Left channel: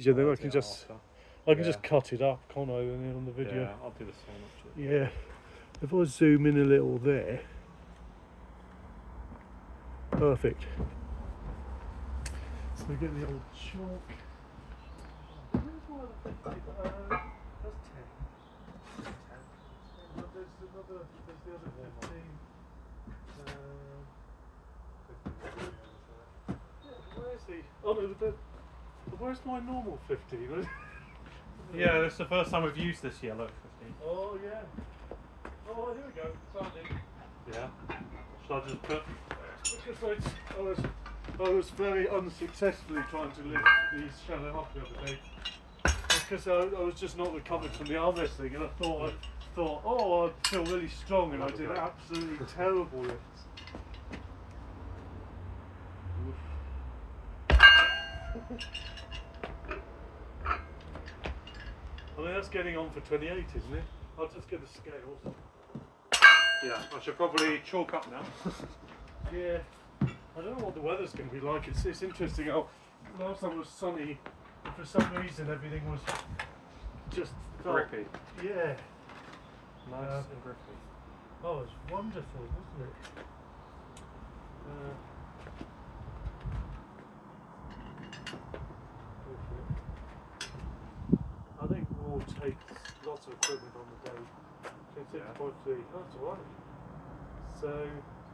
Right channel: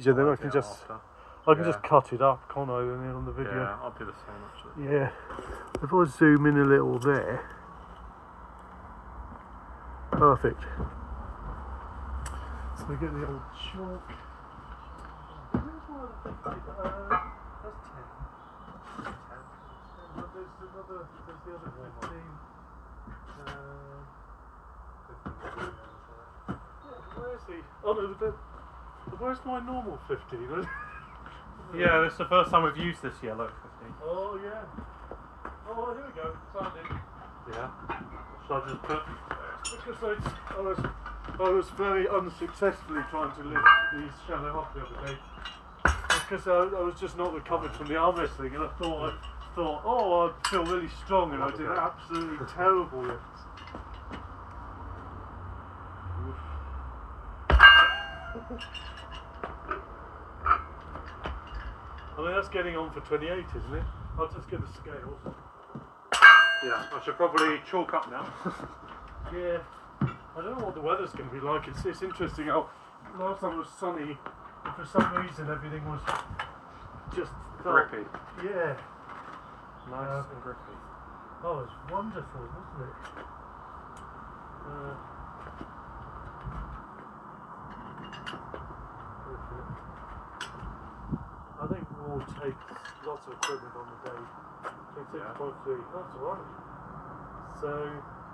Yeah, then I can just cut it up, can't I, then on the video? Yeah, I'll do the same actually. Yeah. If I zoom in a little there, perfect. So we get the old chalk. Where's my other 50? That's 10. 10. But there's the other 15. Where's the? Oh no, where's my normal 15? Yeah, this is the first time we've used this yellow 15. Oh yeah. Oh, here we go. Signing. Yeah. Should I just put? Because I was very unsuccessfully trying to lift these shallow up the other day. Because I was just not recovered from the arm wrestling, and I thought, oh, I'd feel really strong, and I did absolutely terrible lifts. I mean, that's getting on for 28, isn't it? I'll just get the scales. Yeah, I should probably chalk up now. Yeah, I don't know what the weather's going to be like. It's interesting how last time it was sunny, and for some reason everything was just grippy. Yeah. Nice and grippy. Oh, it's wonderful, wasn't it? I think we'll take lots of equipment on the day. 26.3, that's alright. So,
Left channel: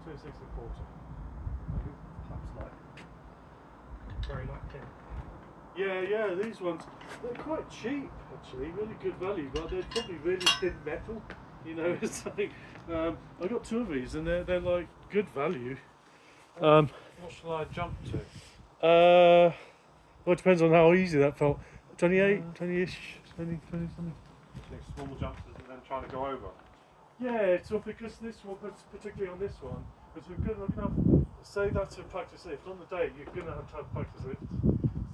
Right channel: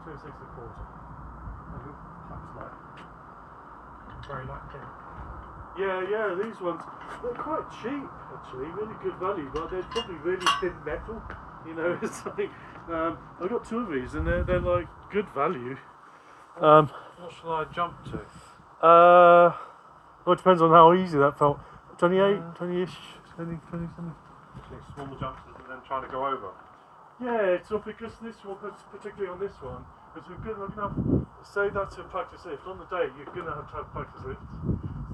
26 and a quarter. Perhaps like Very lacking. Yeah, these ones, they're quite cheap actually, really good value, but they're probably really thin metal, you know, it's something. I got two of these and they're like good value. What should I jump to? Well, it depends on how easy that felt. 28, 20-ish, 20 something. Small jumps and then trying to go over. Yeah, so because this one, particularly on this one, because we're going to have, say that's a practice lift. On the day, you're going to have practice lifts.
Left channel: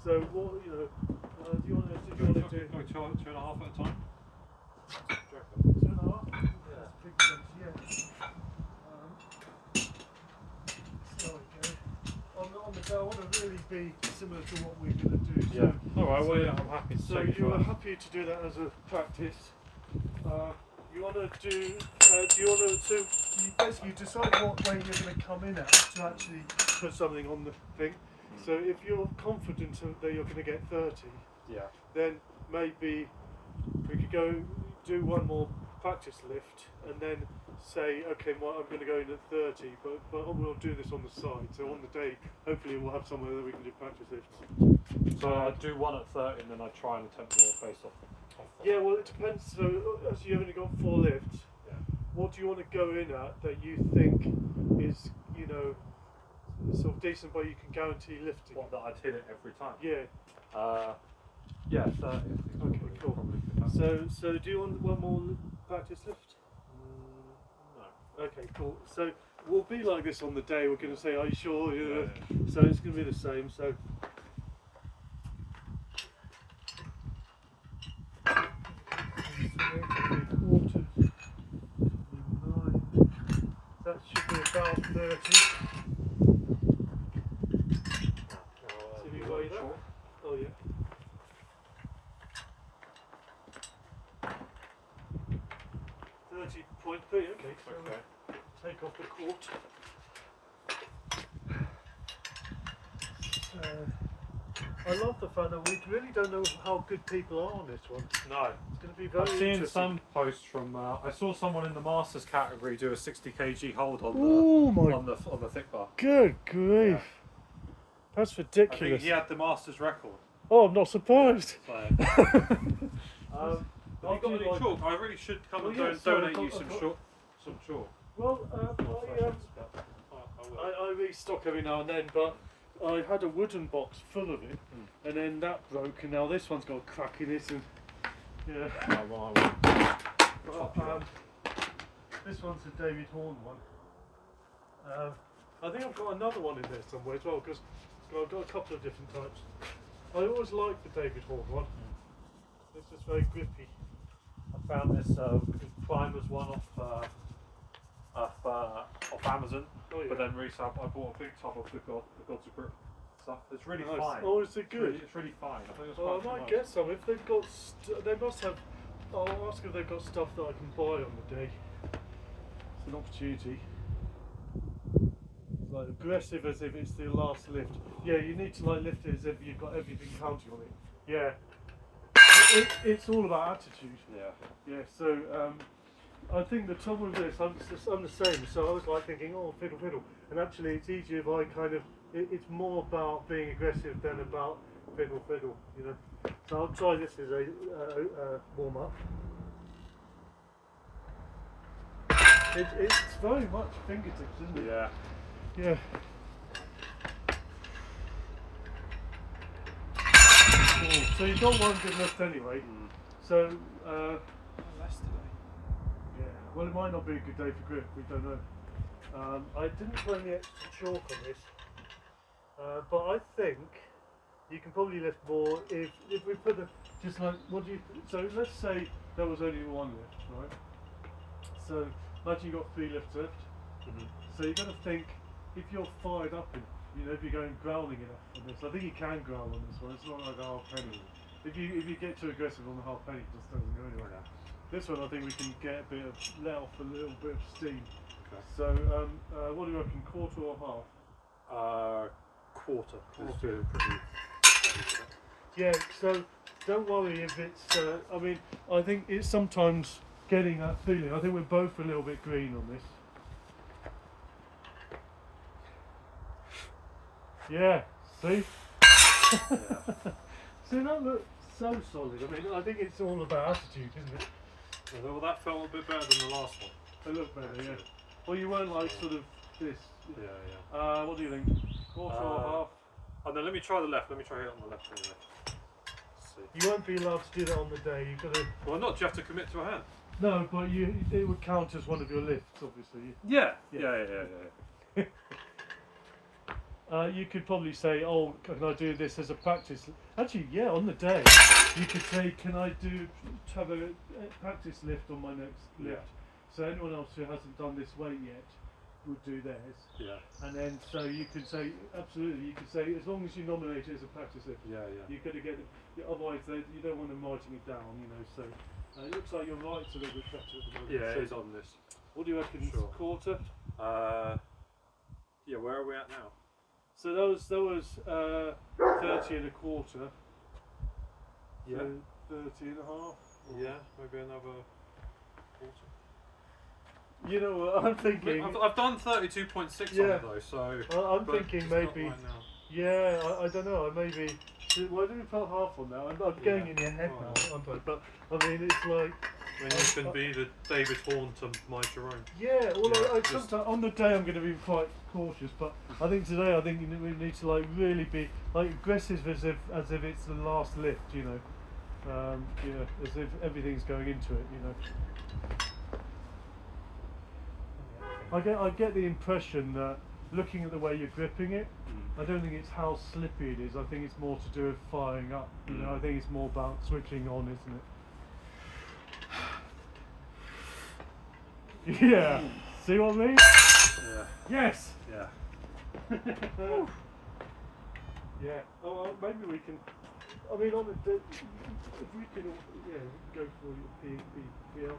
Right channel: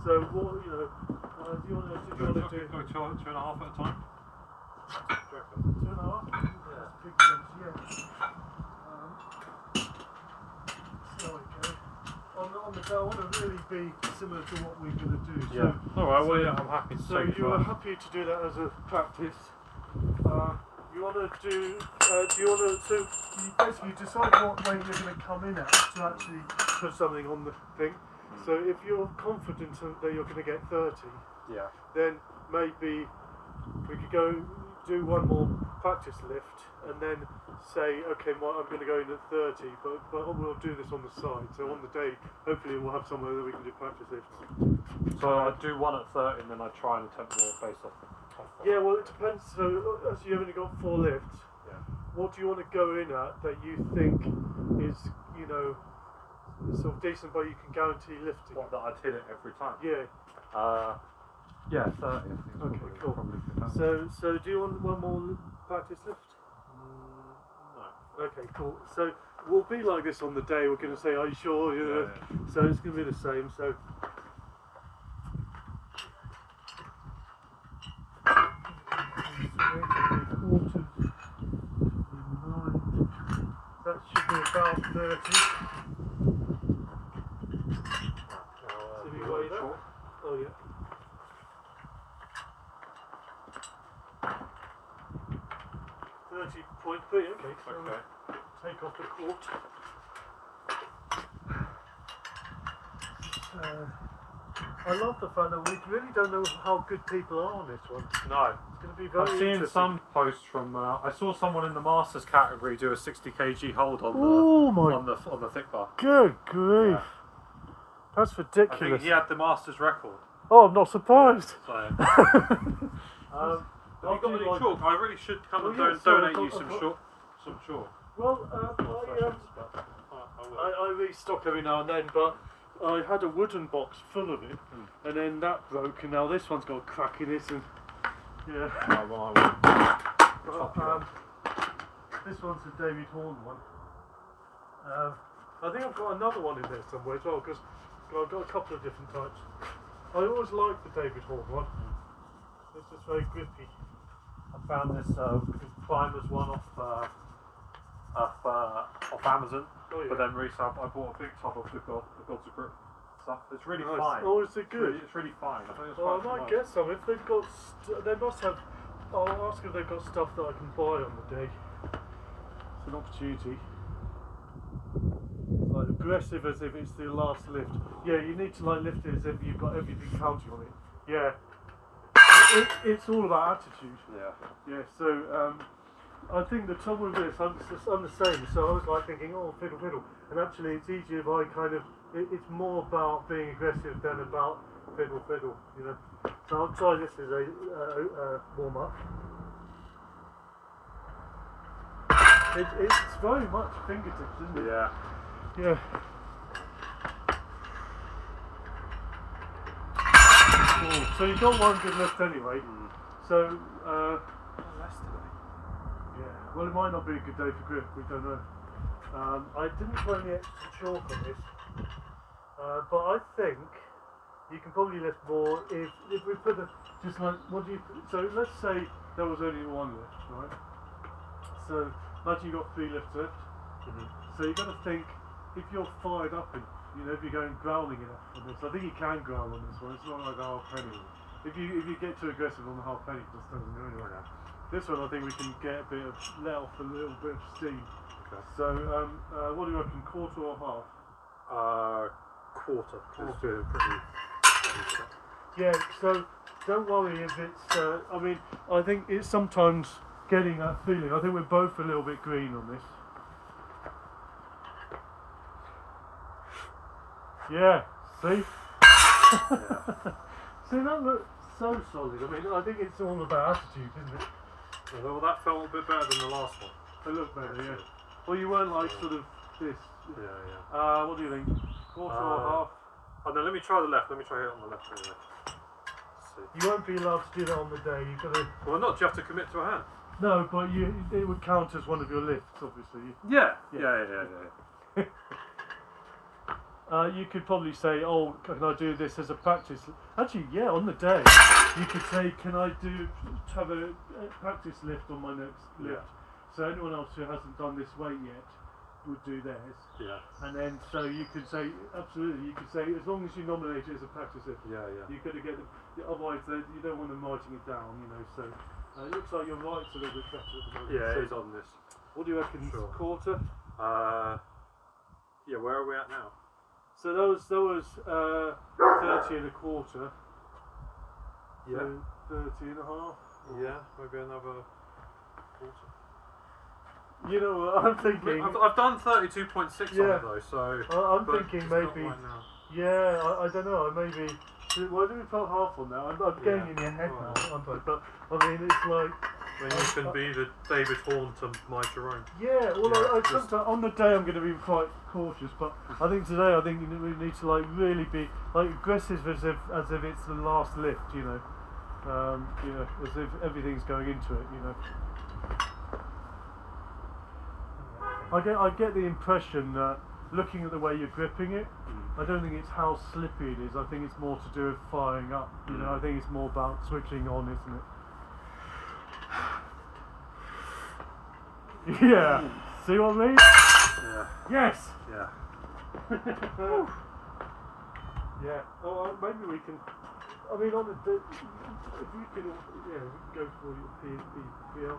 So, what, you know, do you want to do? Go 2.5 at a time? 2.5? Yeah, that's big jumps, yeah. So, okay. On the day, I want to really be similar to what we're going to do. Yeah. So, alright, well, yeah, I'm happy to so take you are happy to do that as a practice. You want to do, so you basically decide what weight you're going to come in at to actually put something on the thing. So if you're confident that you're going to get 30, then maybe we could go do one more practice lift and then say, okay, well, I'm going to go in at 30, but we'll do this on the side. So on the day, hopefully we'll have somewhere that we can do practice lifts. So I do one at 30 and then I try and attempt more based off. Yeah, well, it depends. So, as you've only got 4 lifts, what do you want to go in at that you think is, you know, sort of decent, but you can guarantee lifting? What, that I'd hit it every time? Yeah. Yeah, 30. Okay, cool. So do you want one more practice lift? No. Okay, cool. So we'll be like this on the day. We're going to say, are you sure? You know? Yeah. So it's going to be the same. So. Quarters, 9. That should be about 30. Should we weigh that? Oh yeah. 30.3. Okay. So take off the quart. I love the fact that we really don't know how good people are on this one. No. It's going to be very interesting. I've seen some posts from. I saw someone in the Masters category do a 60 kg hold on the thick bar. Good grief! Yeah. That's ridiculous. I think he had the Masters record. Oh, I'm not surprised. So, have you got any chalk? I really should come and donate you some chalk. Well, I restock every now and then, but I had a wooden box full of it, and then that broke, and now this one's got a crack in it, and yeah. This one's a David Horn one. I think I've got another one in there somewhere as well, because I've got a couple of different types. I always liked the David Horn one. It's just very grippy. I found this climbers one off Amazon, but then recently I bought a big top of the Gods of Grip. stuff. It's really Nice. fine. Oh, is it good? It's really fine. I think it's Well, I quite might nice. get some if they've got. They must have. I'll ask if they've got stuff that I can buy on the day. It's an opportunity. It's like aggressive as if it's the last lift. Yeah, you need to like lift it as if you've got everything counting on it. Yeah. It's all about attitude. Yeah. Yeah. So I think the trouble with this, I'm the same. So I was like thinking, oh, fiddle, fiddle, and actually it's easier if I kind of. It's more about being aggressive than about fiddle, fiddle. You know. So I'll try this as a warm up. It's very much fingertips, isn't it? Yeah. Yeah. Oh, so you got one good lift anyway. So, Less today. yeah. Well, it might not be a good day for grip. We don't know. I didn't put any extra chalk on this, but I think you can probably lift more if we put just like what do you? So let's say there was only one lift, right? So imagine you got 3 lifts left. So you've got to think if you're fired up and if you're going growling enough on this. I think you can growl on this one. It's not like a half penny. If you get too aggressive on the half penny, it just doesn't go anywhere. This one I think we can get a bit of let off a little bit of steam. Okay. So what do you reckon? Quarter or half? Quarter. Quarter. Pretty Yeah. So don't worry if it's. I mean, I think it's sometimes getting that feeling. I think we're both a little bit green on this. Yeah, see? See, that looks so solid. I mean, I think it's all about attitude, isn't it? well, that felt a bit better than the last one. It looked better, yeah. Well, you weren't like sort of this. Yeah. What do you think? Quarter or half? Oh no, let me try the left. Let me try it on the left. Let's see. You won't be allowed to do that on the day. You've got to. Well, not. Do you have to commit to a hand? No, but it would count as one of your lifts, obviously. Yeah. You could probably say, oh, can I do this as a practice? Actually, yeah, on the day, you could say, can I have a practice lift on my next lift? So anyone else who hasn't done this weight yet would do theirs. Yeah. And then, so you could say, absolutely, you could say, as long as you nominate it as a practice lift, you've got to get it, otherwise you don't want them writing it down, so it looks like your right's a little bit better at the moment. Yeah, so it is on this. what do you reckon, Sure. Quarter? Yeah, where are we at now? So that was 30 and a quarter. Yeah. So 30 and a half. Yeah, maybe another quarter. You know what I'm thinking? I've done 32.6 on it though, so. I'm thinking maybe. Right now. Yeah, I don't know. Maybe. Why do we put half on now? I'm getting in your head now, aren't I? But I mean, it's like. When you can be the David Horn to my Jerome. Yeah, well, I sometimes on the day I'm going to be quite cautious, but I think today we need to like really be like aggressive as if it's the last lift, as if everything's going into it, I get the impression that looking at the way you're gripping it, I don't think it's how slippy it is. I think it's more to do with firing up. I think it's more about switching on, isn't it? Yeah. See what I mean? Yeah. Yes. Yeah. Yeah. Oh, maybe we can. I mean, on the if we can, go for your PL.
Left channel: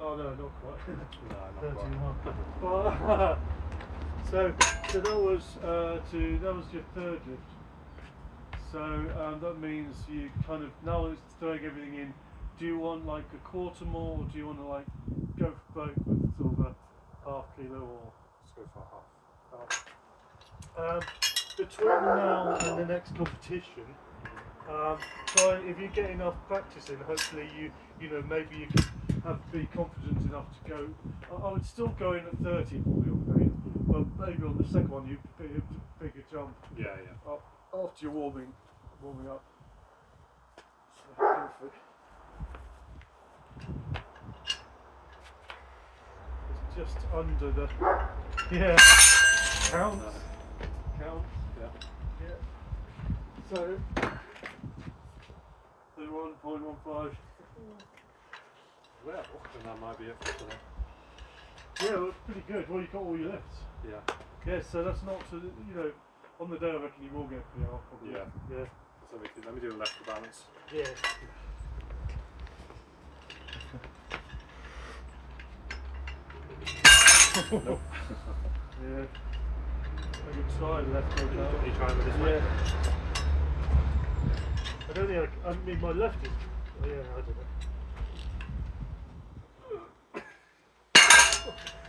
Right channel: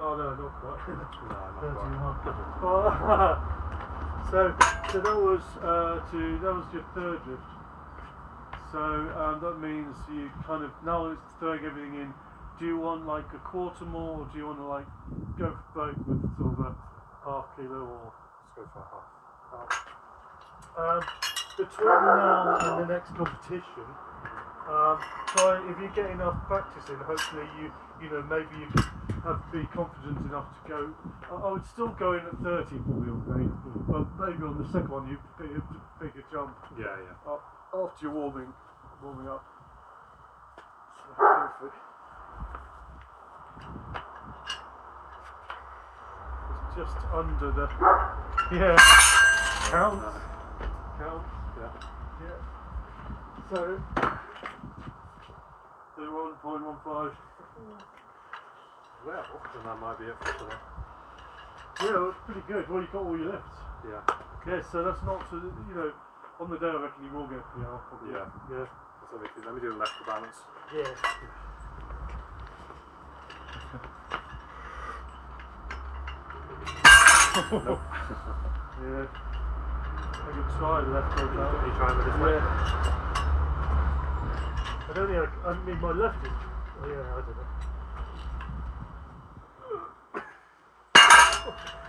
Oh no, not quite. No, not 31. So that was your third lift. So that means you kind of now it's throwing everything in. Do you want like a quarter more, or do you want to like go for both with sort of a half kilo or? Let's go for half. Between now and the next competition, try if you get enough practice in. Hopefully maybe you can be confident enough to go. I would still go in at 30 probably, okay, but maybe on the second one you be a bigger jump. Yeah. After you're warming up. So go for it. It's just under the count. Yeah. So 31.15. Well, then that might be it for today. Yeah, well, it's pretty good. Well, you got all your lifts. Yeah. Yeah, so that's not so you know. On the day, I reckon you will get PR probably. Yeah. Yeah. So let me do the left to balance. Yeah. Nope. Yeah. I can try the left one now. Are you trying with this way? Yeah. I don't think I mean my left is. Oh yeah, I don't know.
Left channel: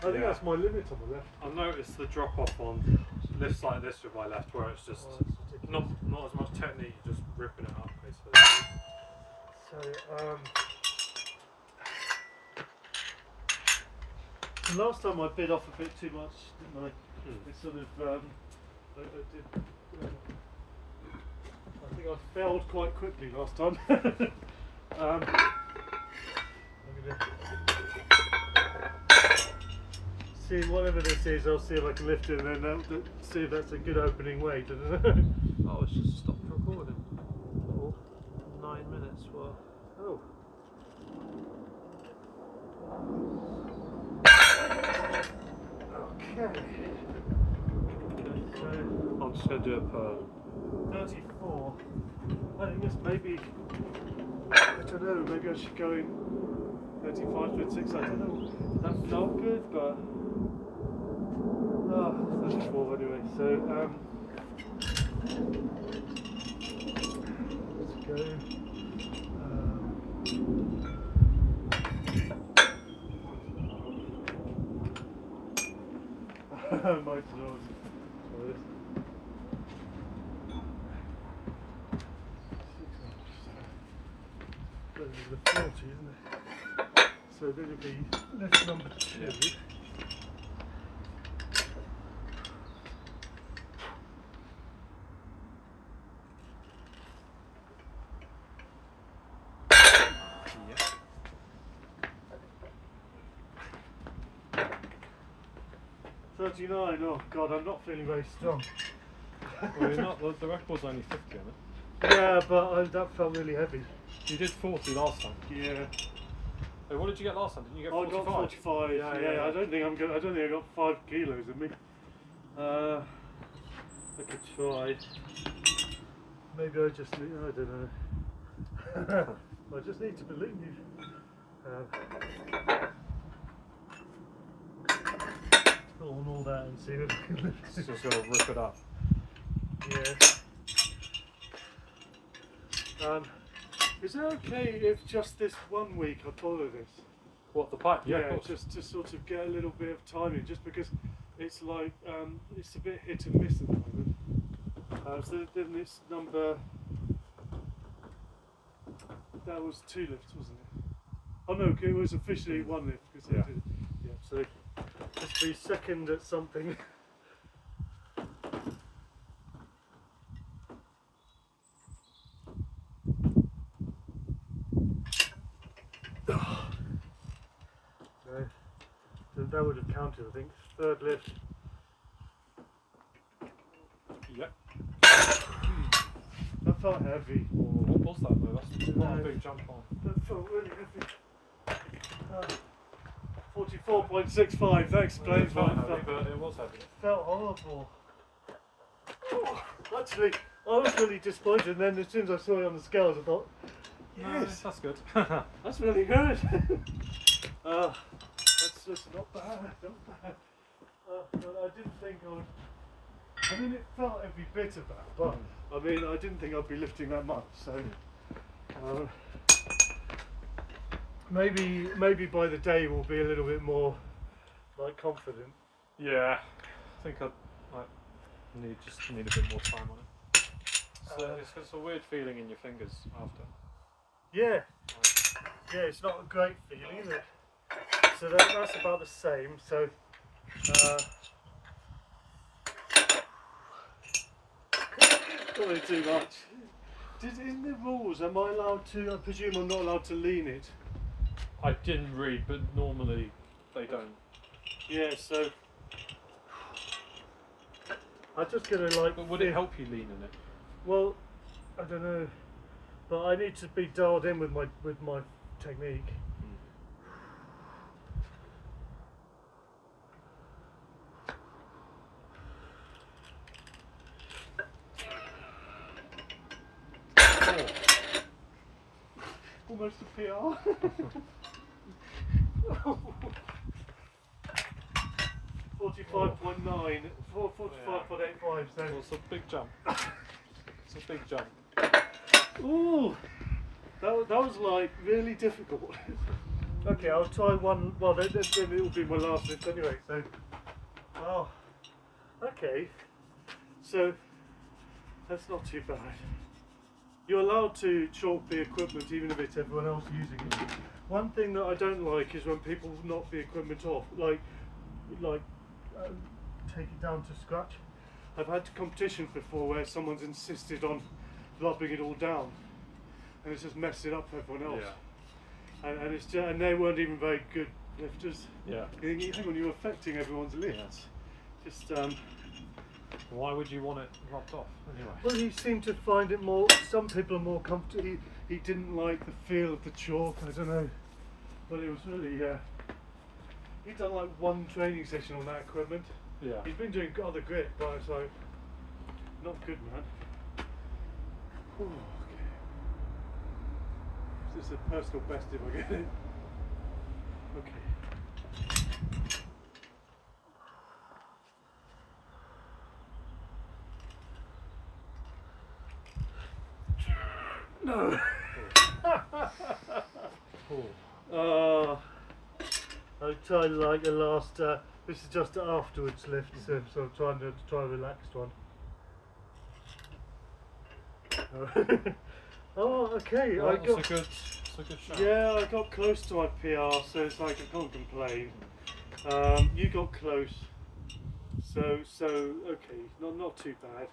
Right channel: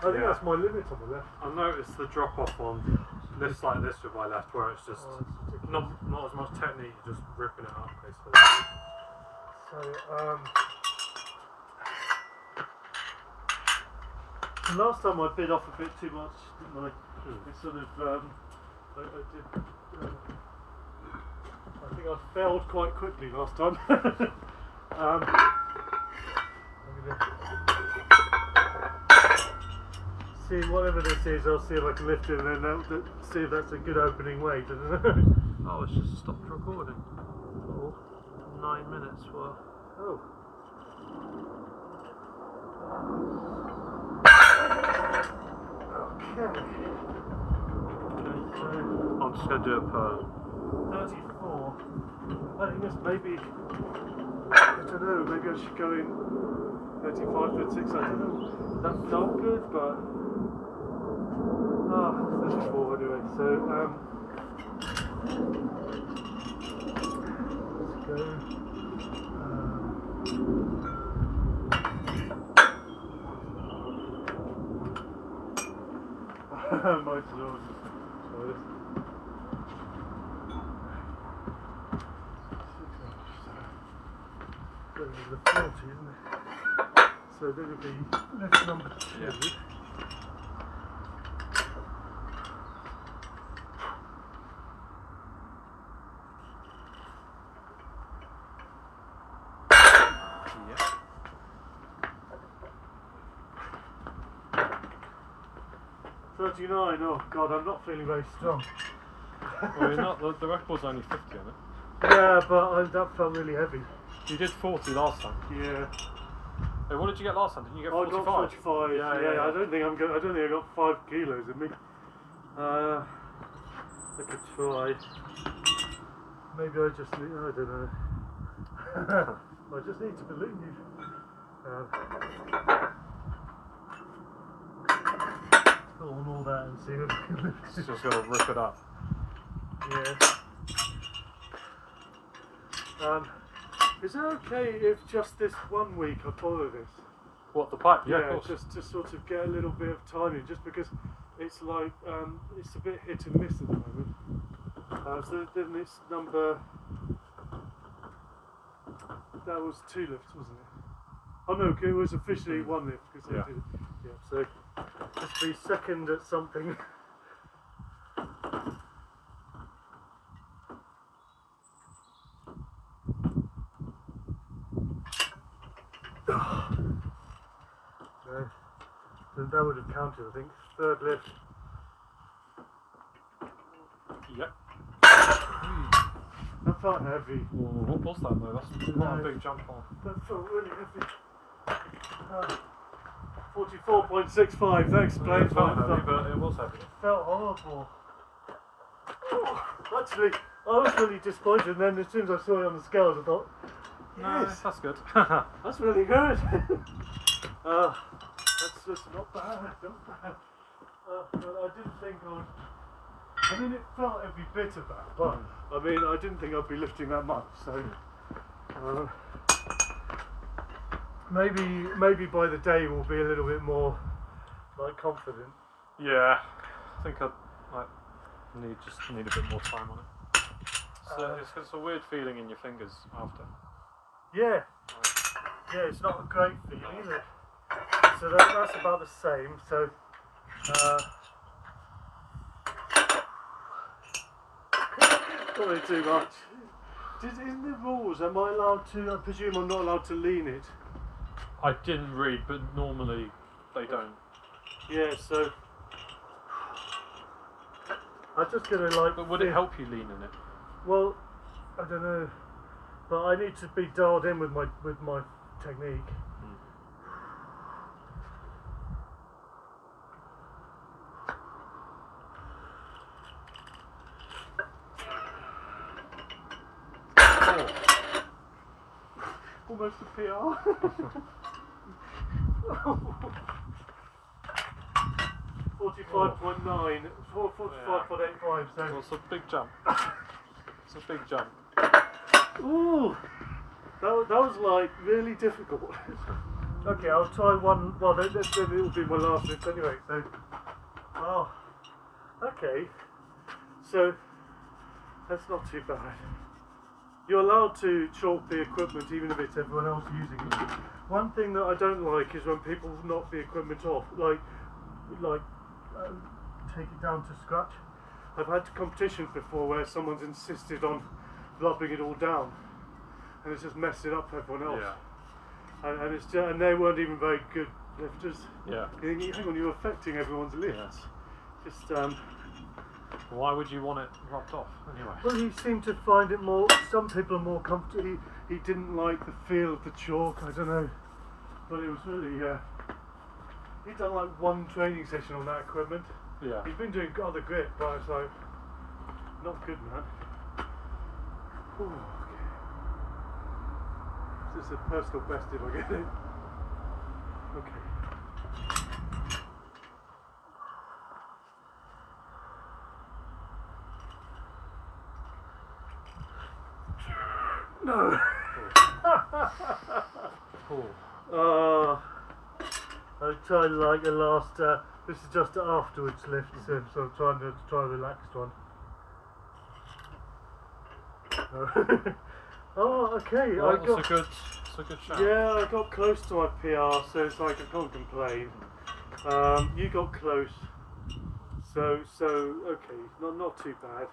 I think that's my limit on the left. I've noticed the drop off on lifts like this with my left, where it's just not as much technique, you're just ripping it up basically. So the last time I bit off a bit too much, didn't I? It sort of I did. I think I failed quite quickly last time. I'm gonna see whatever this is. I'll see if I can lift it, and then see if that's a good opening weight. I don't know. Oh, it's just stopped recording. Oh. 9 minutes. Well. Oh. Okay. I'm just going to do it per 34. I think this maybe, I don't know, maybe I should go in 35, 36, I don't know. That felt good, but, 34 anyway, so, let's go. Might as well just try this. The 40, isn't it? So that would be lift number 2. Yeah. Yeah. 39, oh god, I'm not feeling very strong. Well, you're not, the record's only 50 on it. Yeah, but that felt really heavy. You did 40 last time. Yeah. Hey, what did you get last time? Didn't you get I 45? got 45. Yeah. I don't think I got 5 kilos in me. I could try. Maybe I just need. I don't know. I just need to believe. Put on all that and see if I can lift it. Just going to rip it up. Yeah. Is it okay if just this 1 week I follow this? What, the pipe? Yeah, of course. just to sort of get a little bit of timing, just because it's like it's a bit hit and miss at the moment. So then it's number. That was 2 lifts, wasn't it? Oh no, it was officially 1 lift because I did. Yeah, so just be second at something. So that would have counted, I think. 3rd lift. Yep. That felt heavy. Oh, what was that though? That's quite a big jump on. That felt really heavy. 44.65, that explains why it felt but it was heavy. It felt horrible. Actually, I was really disappointed, and then as soon as I saw it on the scales, I thought, No, yes, that's good. that's really good. That's just not bad, not bad. But I didn't think I would. I mean, it felt every bit of that, but I mean, I didn't think I'd be lifting that much. So maybe by the day we'll be a little bit more like confident. Yeah, I think I just need a bit more time on it. So it's a weird feeling in your fingers after. Yeah, yeah, it's not a great feeling, is it? So that's about the same. So. Not too much. In the rules, am I allowed to? I presume I'm not allowed to lean it. I didn't read, but normally they don't. Yeah, so I'm just gonna like. But would it help you lean in it? Well, I don't know, but I need to be dialed in with my technique. Almost a PR. 45.9, 45.85. So Well, it's a big jump. It's a big jump. ooh, that was like really difficult. Okay, I'll try one. Well, then it will be my last lift anyway. So, oh, okay. So that's not too bad. You're allowed to chalk the equipment even if it's everyone else using it. One thing that I don't like is when people knock the equipment off, like take it down to scratch. I've had competitions before where someone's insisted on lobbing it all down, and it's just messed it up for everyone else. Yeah. And it's just, and they weren't even very good lifters. Yeah. Hang on, you're affecting everyone's lifts. Just Why would you want it rubbed off anyway? well, he seemed to find it more. Some people are more comfortable. He didn't like the feel of the chalk. I don't know, but it was really. He'd done like one training session on that equipment. Yeah. He's been doing other grip, but it's like not good, man. Ooh, okay. This is a personal best if I get it. Okay. No. Cool. I tried like the last. This is just the afterwards lift, so I'm trying to try a relaxed one. Oh, okay. Well, I got. it's a good shot. Yeah, I got close to my PR, so it's like I can't complain. You got close, so okay, not too bad.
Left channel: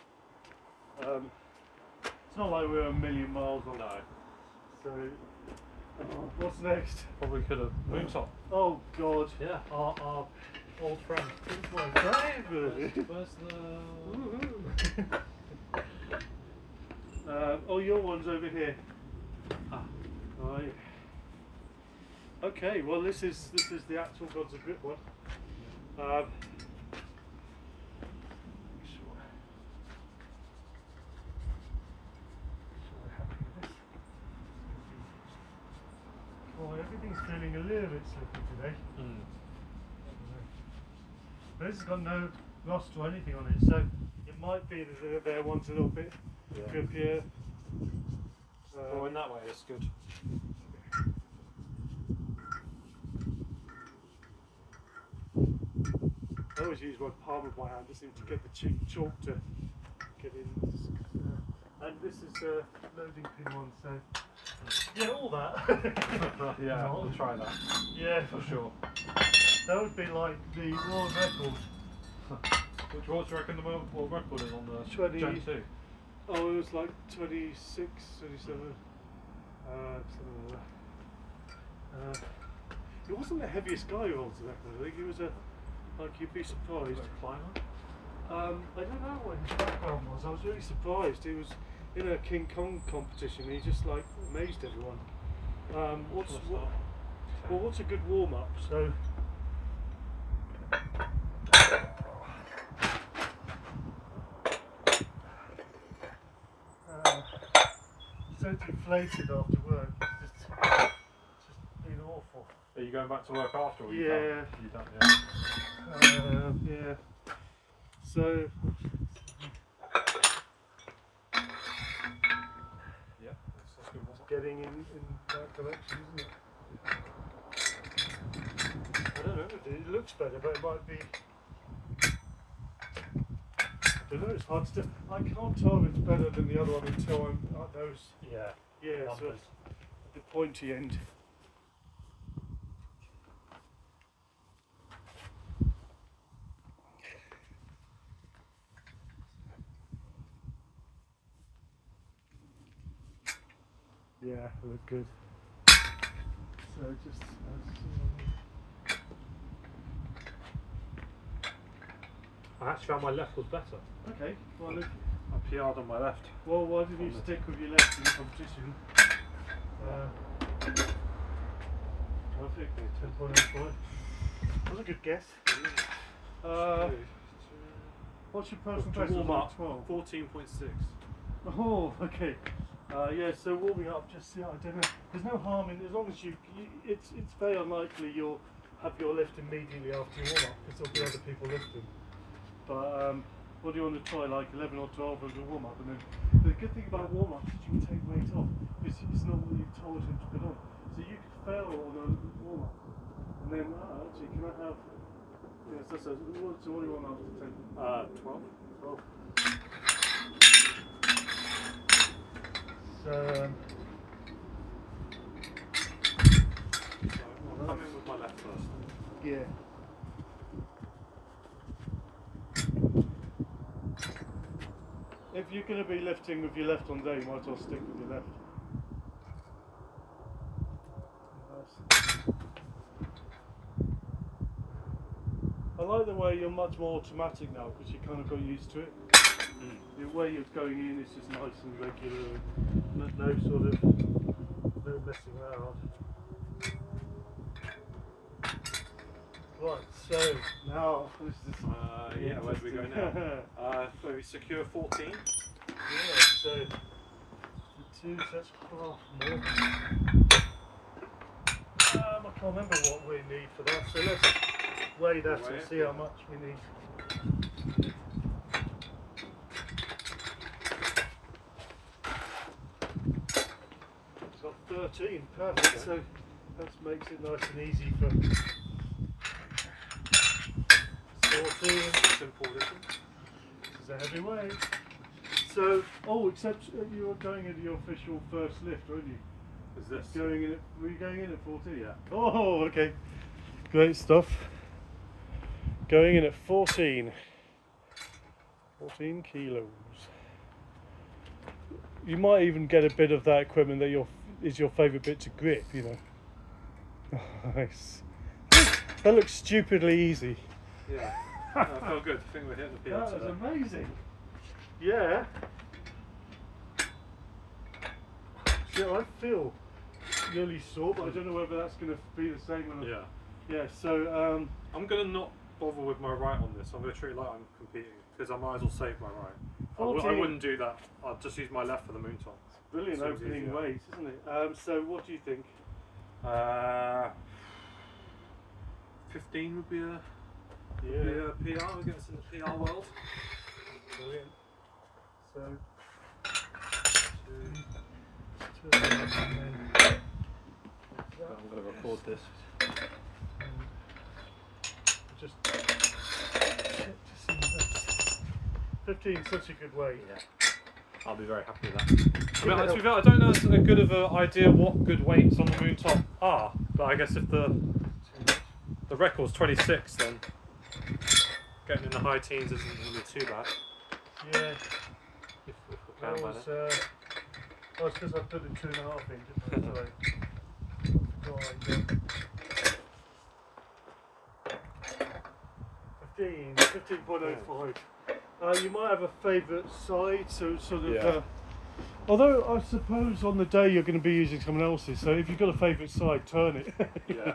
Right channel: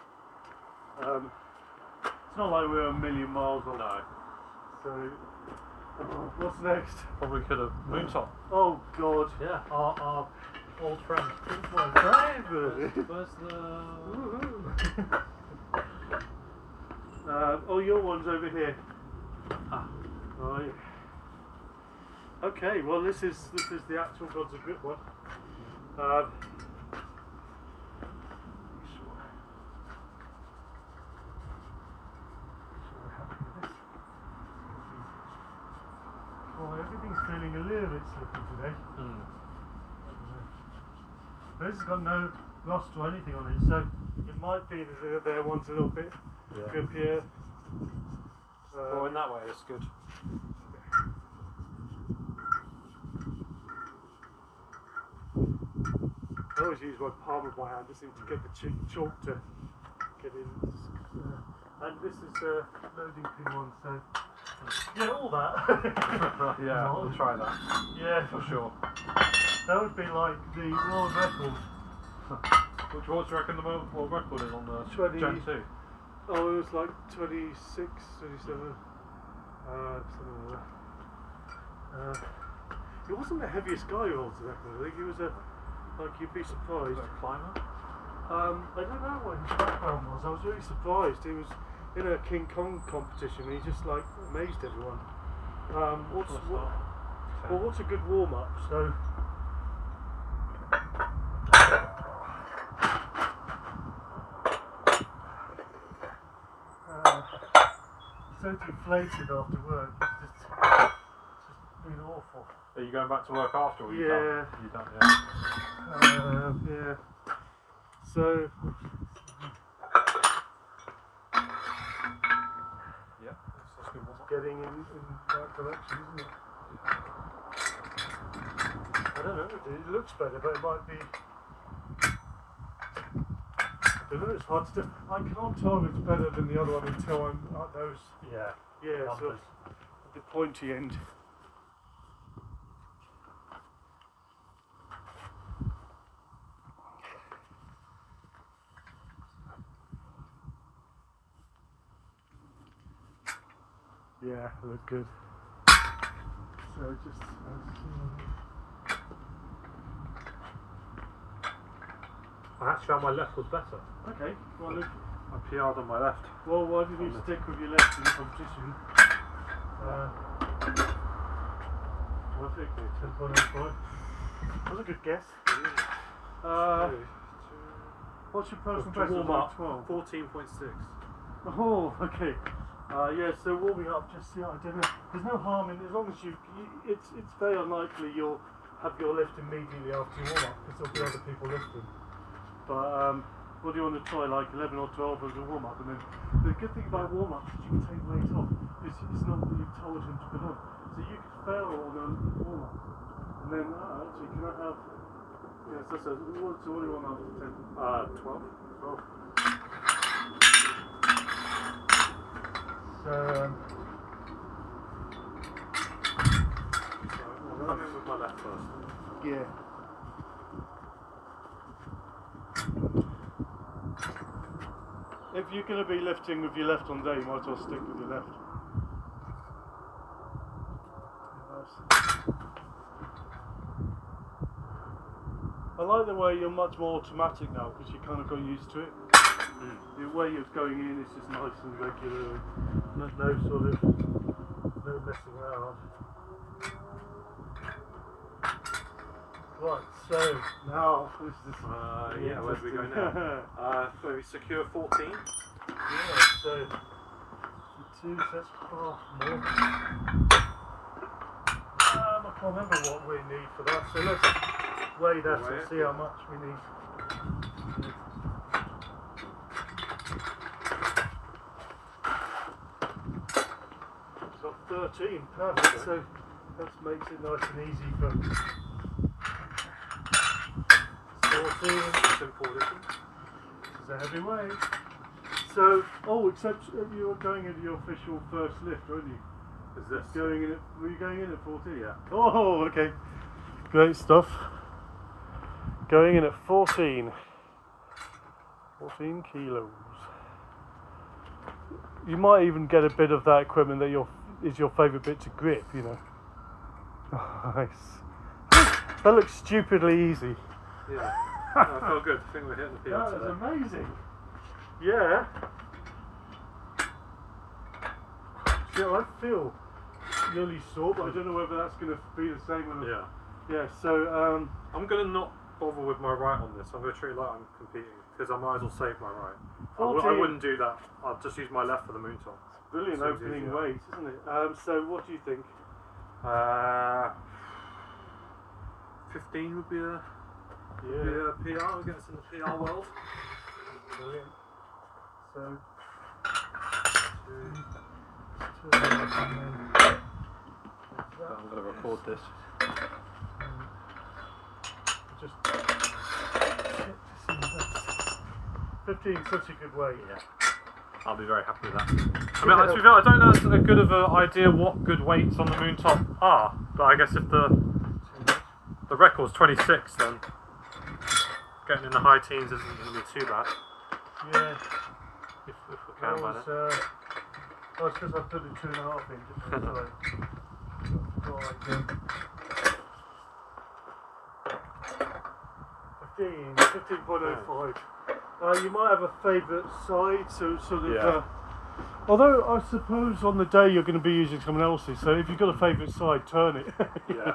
It's not like we're a million miles off. No. So, what's next? Probably could have moonshot. Oh God. Yeah. Our old friend. It's my favourite. Where's the? Oh, your one's over here. Ah. Right. Okay. Well, this is the actual Gods of Grip one. Oh, everything's feeling a little bit slippy today. This has got no rust or anything on it, so it might be that there one's a little bit grippier. Oh, in that way, it's good. I always use my palm of my hand just to get the chalk to get in. And this is a loading pin one, so yeah, all that. Yeah, we'll try that. Yeah, For sure. that would be like the world record. What do you reckon the world record is on the 20. Gen 2? Oh, it was like 26, 27. Something like that. It wasn't the heaviest guy who holds the record. I think he was like you'd be surprised. Was it a climber? I don't know what his background was. I was really surprised. He was in a King Kong competition. And he just like amazed everyone. What's a good warm up? So. So deflated after work. It's just been awful. Are you going back to work after? Or Yeah. You done, yeah. Yeah. So. Yeah, that's good. Getting in that direction, isn't it? I don't know. It looks better, but it might be. I don't know. It's hard to do. I can't tell if it's better than the other one until I'm at those. Yeah. Yeah. So Numbers. at the pointy end. Yeah, they look good. So just. I actually found my left was better. Okay. Well, look. I PR'd on my left. Well, why did you stick with your left in the competition? Perfect. 10.05. That was a good guess. What's your personal best? To warm up, 12. 14.6. Oh, okay. Yeah, so warming up, just I don't know. There's no harm in as long as it's very unlikely you'll have your lift immediately after your warm up because there'll be other people lifting. But what do you want to try, like 11 or 12 as a warm up, and then the good thing about warm up is you can take weight off. It's not what you told him to put on, so you could fail on a warm up, and then actually can I have? Yes, that's so what do you want after 10? 12. 12. So, I'll come in with my left first. yeah. If you're going to be lifting with your left on day, you might as well stick with your left. I like the way you're much more automatic now because you kind of got used to it. The way you're going in is just nice and regular, no sort of no messing around. Right, so now this is yeah, where do we go now? So we secure 14. Yeah, so 2 sets half more. I can't remember what we need for that, so let's weigh that and see how much we need. It's got 13, perfect, so that makes it nice and easy for 14. Simple addition. This is a heavy weight. So, except you were going into your official first lift, weren't you? Is this? Were you going in at 14? Yeah. Oh, okay. Great stuff. Going in at 14. 14 kilos. You might even get a bit of that equipment that is your favourite bit to grip, you know. Nice. That looks stupidly easy. Yeah. No, I feel good. I think we're hitting the field today. That is amazing. Yeah. See, I feel nearly sore, but I don't know whether that's going to be the same. Yeah. Yeah. So I'm going to not bother with my right on this. I'm going to treat it like I'm competing because I might as well save my right. I wouldn't do that. I'll just use my left for the moon top. Brilliant opening weight, isn't it? So what do you think? 15 would be a PR. We'll get us in the PR world. Brilliant. So, I'm going to record this. Just check to see that. 15 is such a good weight. Yeah. I'll be very happy with that. I mean, to be fair, I don't know as good of an idea what good weights on the moon top are, but I guess if the record's 26, then getting in the high teens isn't going to be too bad. Yeah. If we can manage. It's because I put the 2.5 in, didn't I? Sorry. 15.05. You might have a favourite side, so sort of. Yeah. Although I suppose on the day you're going to be using someone else's, so if you've got a favourite side, turn it. Yeah.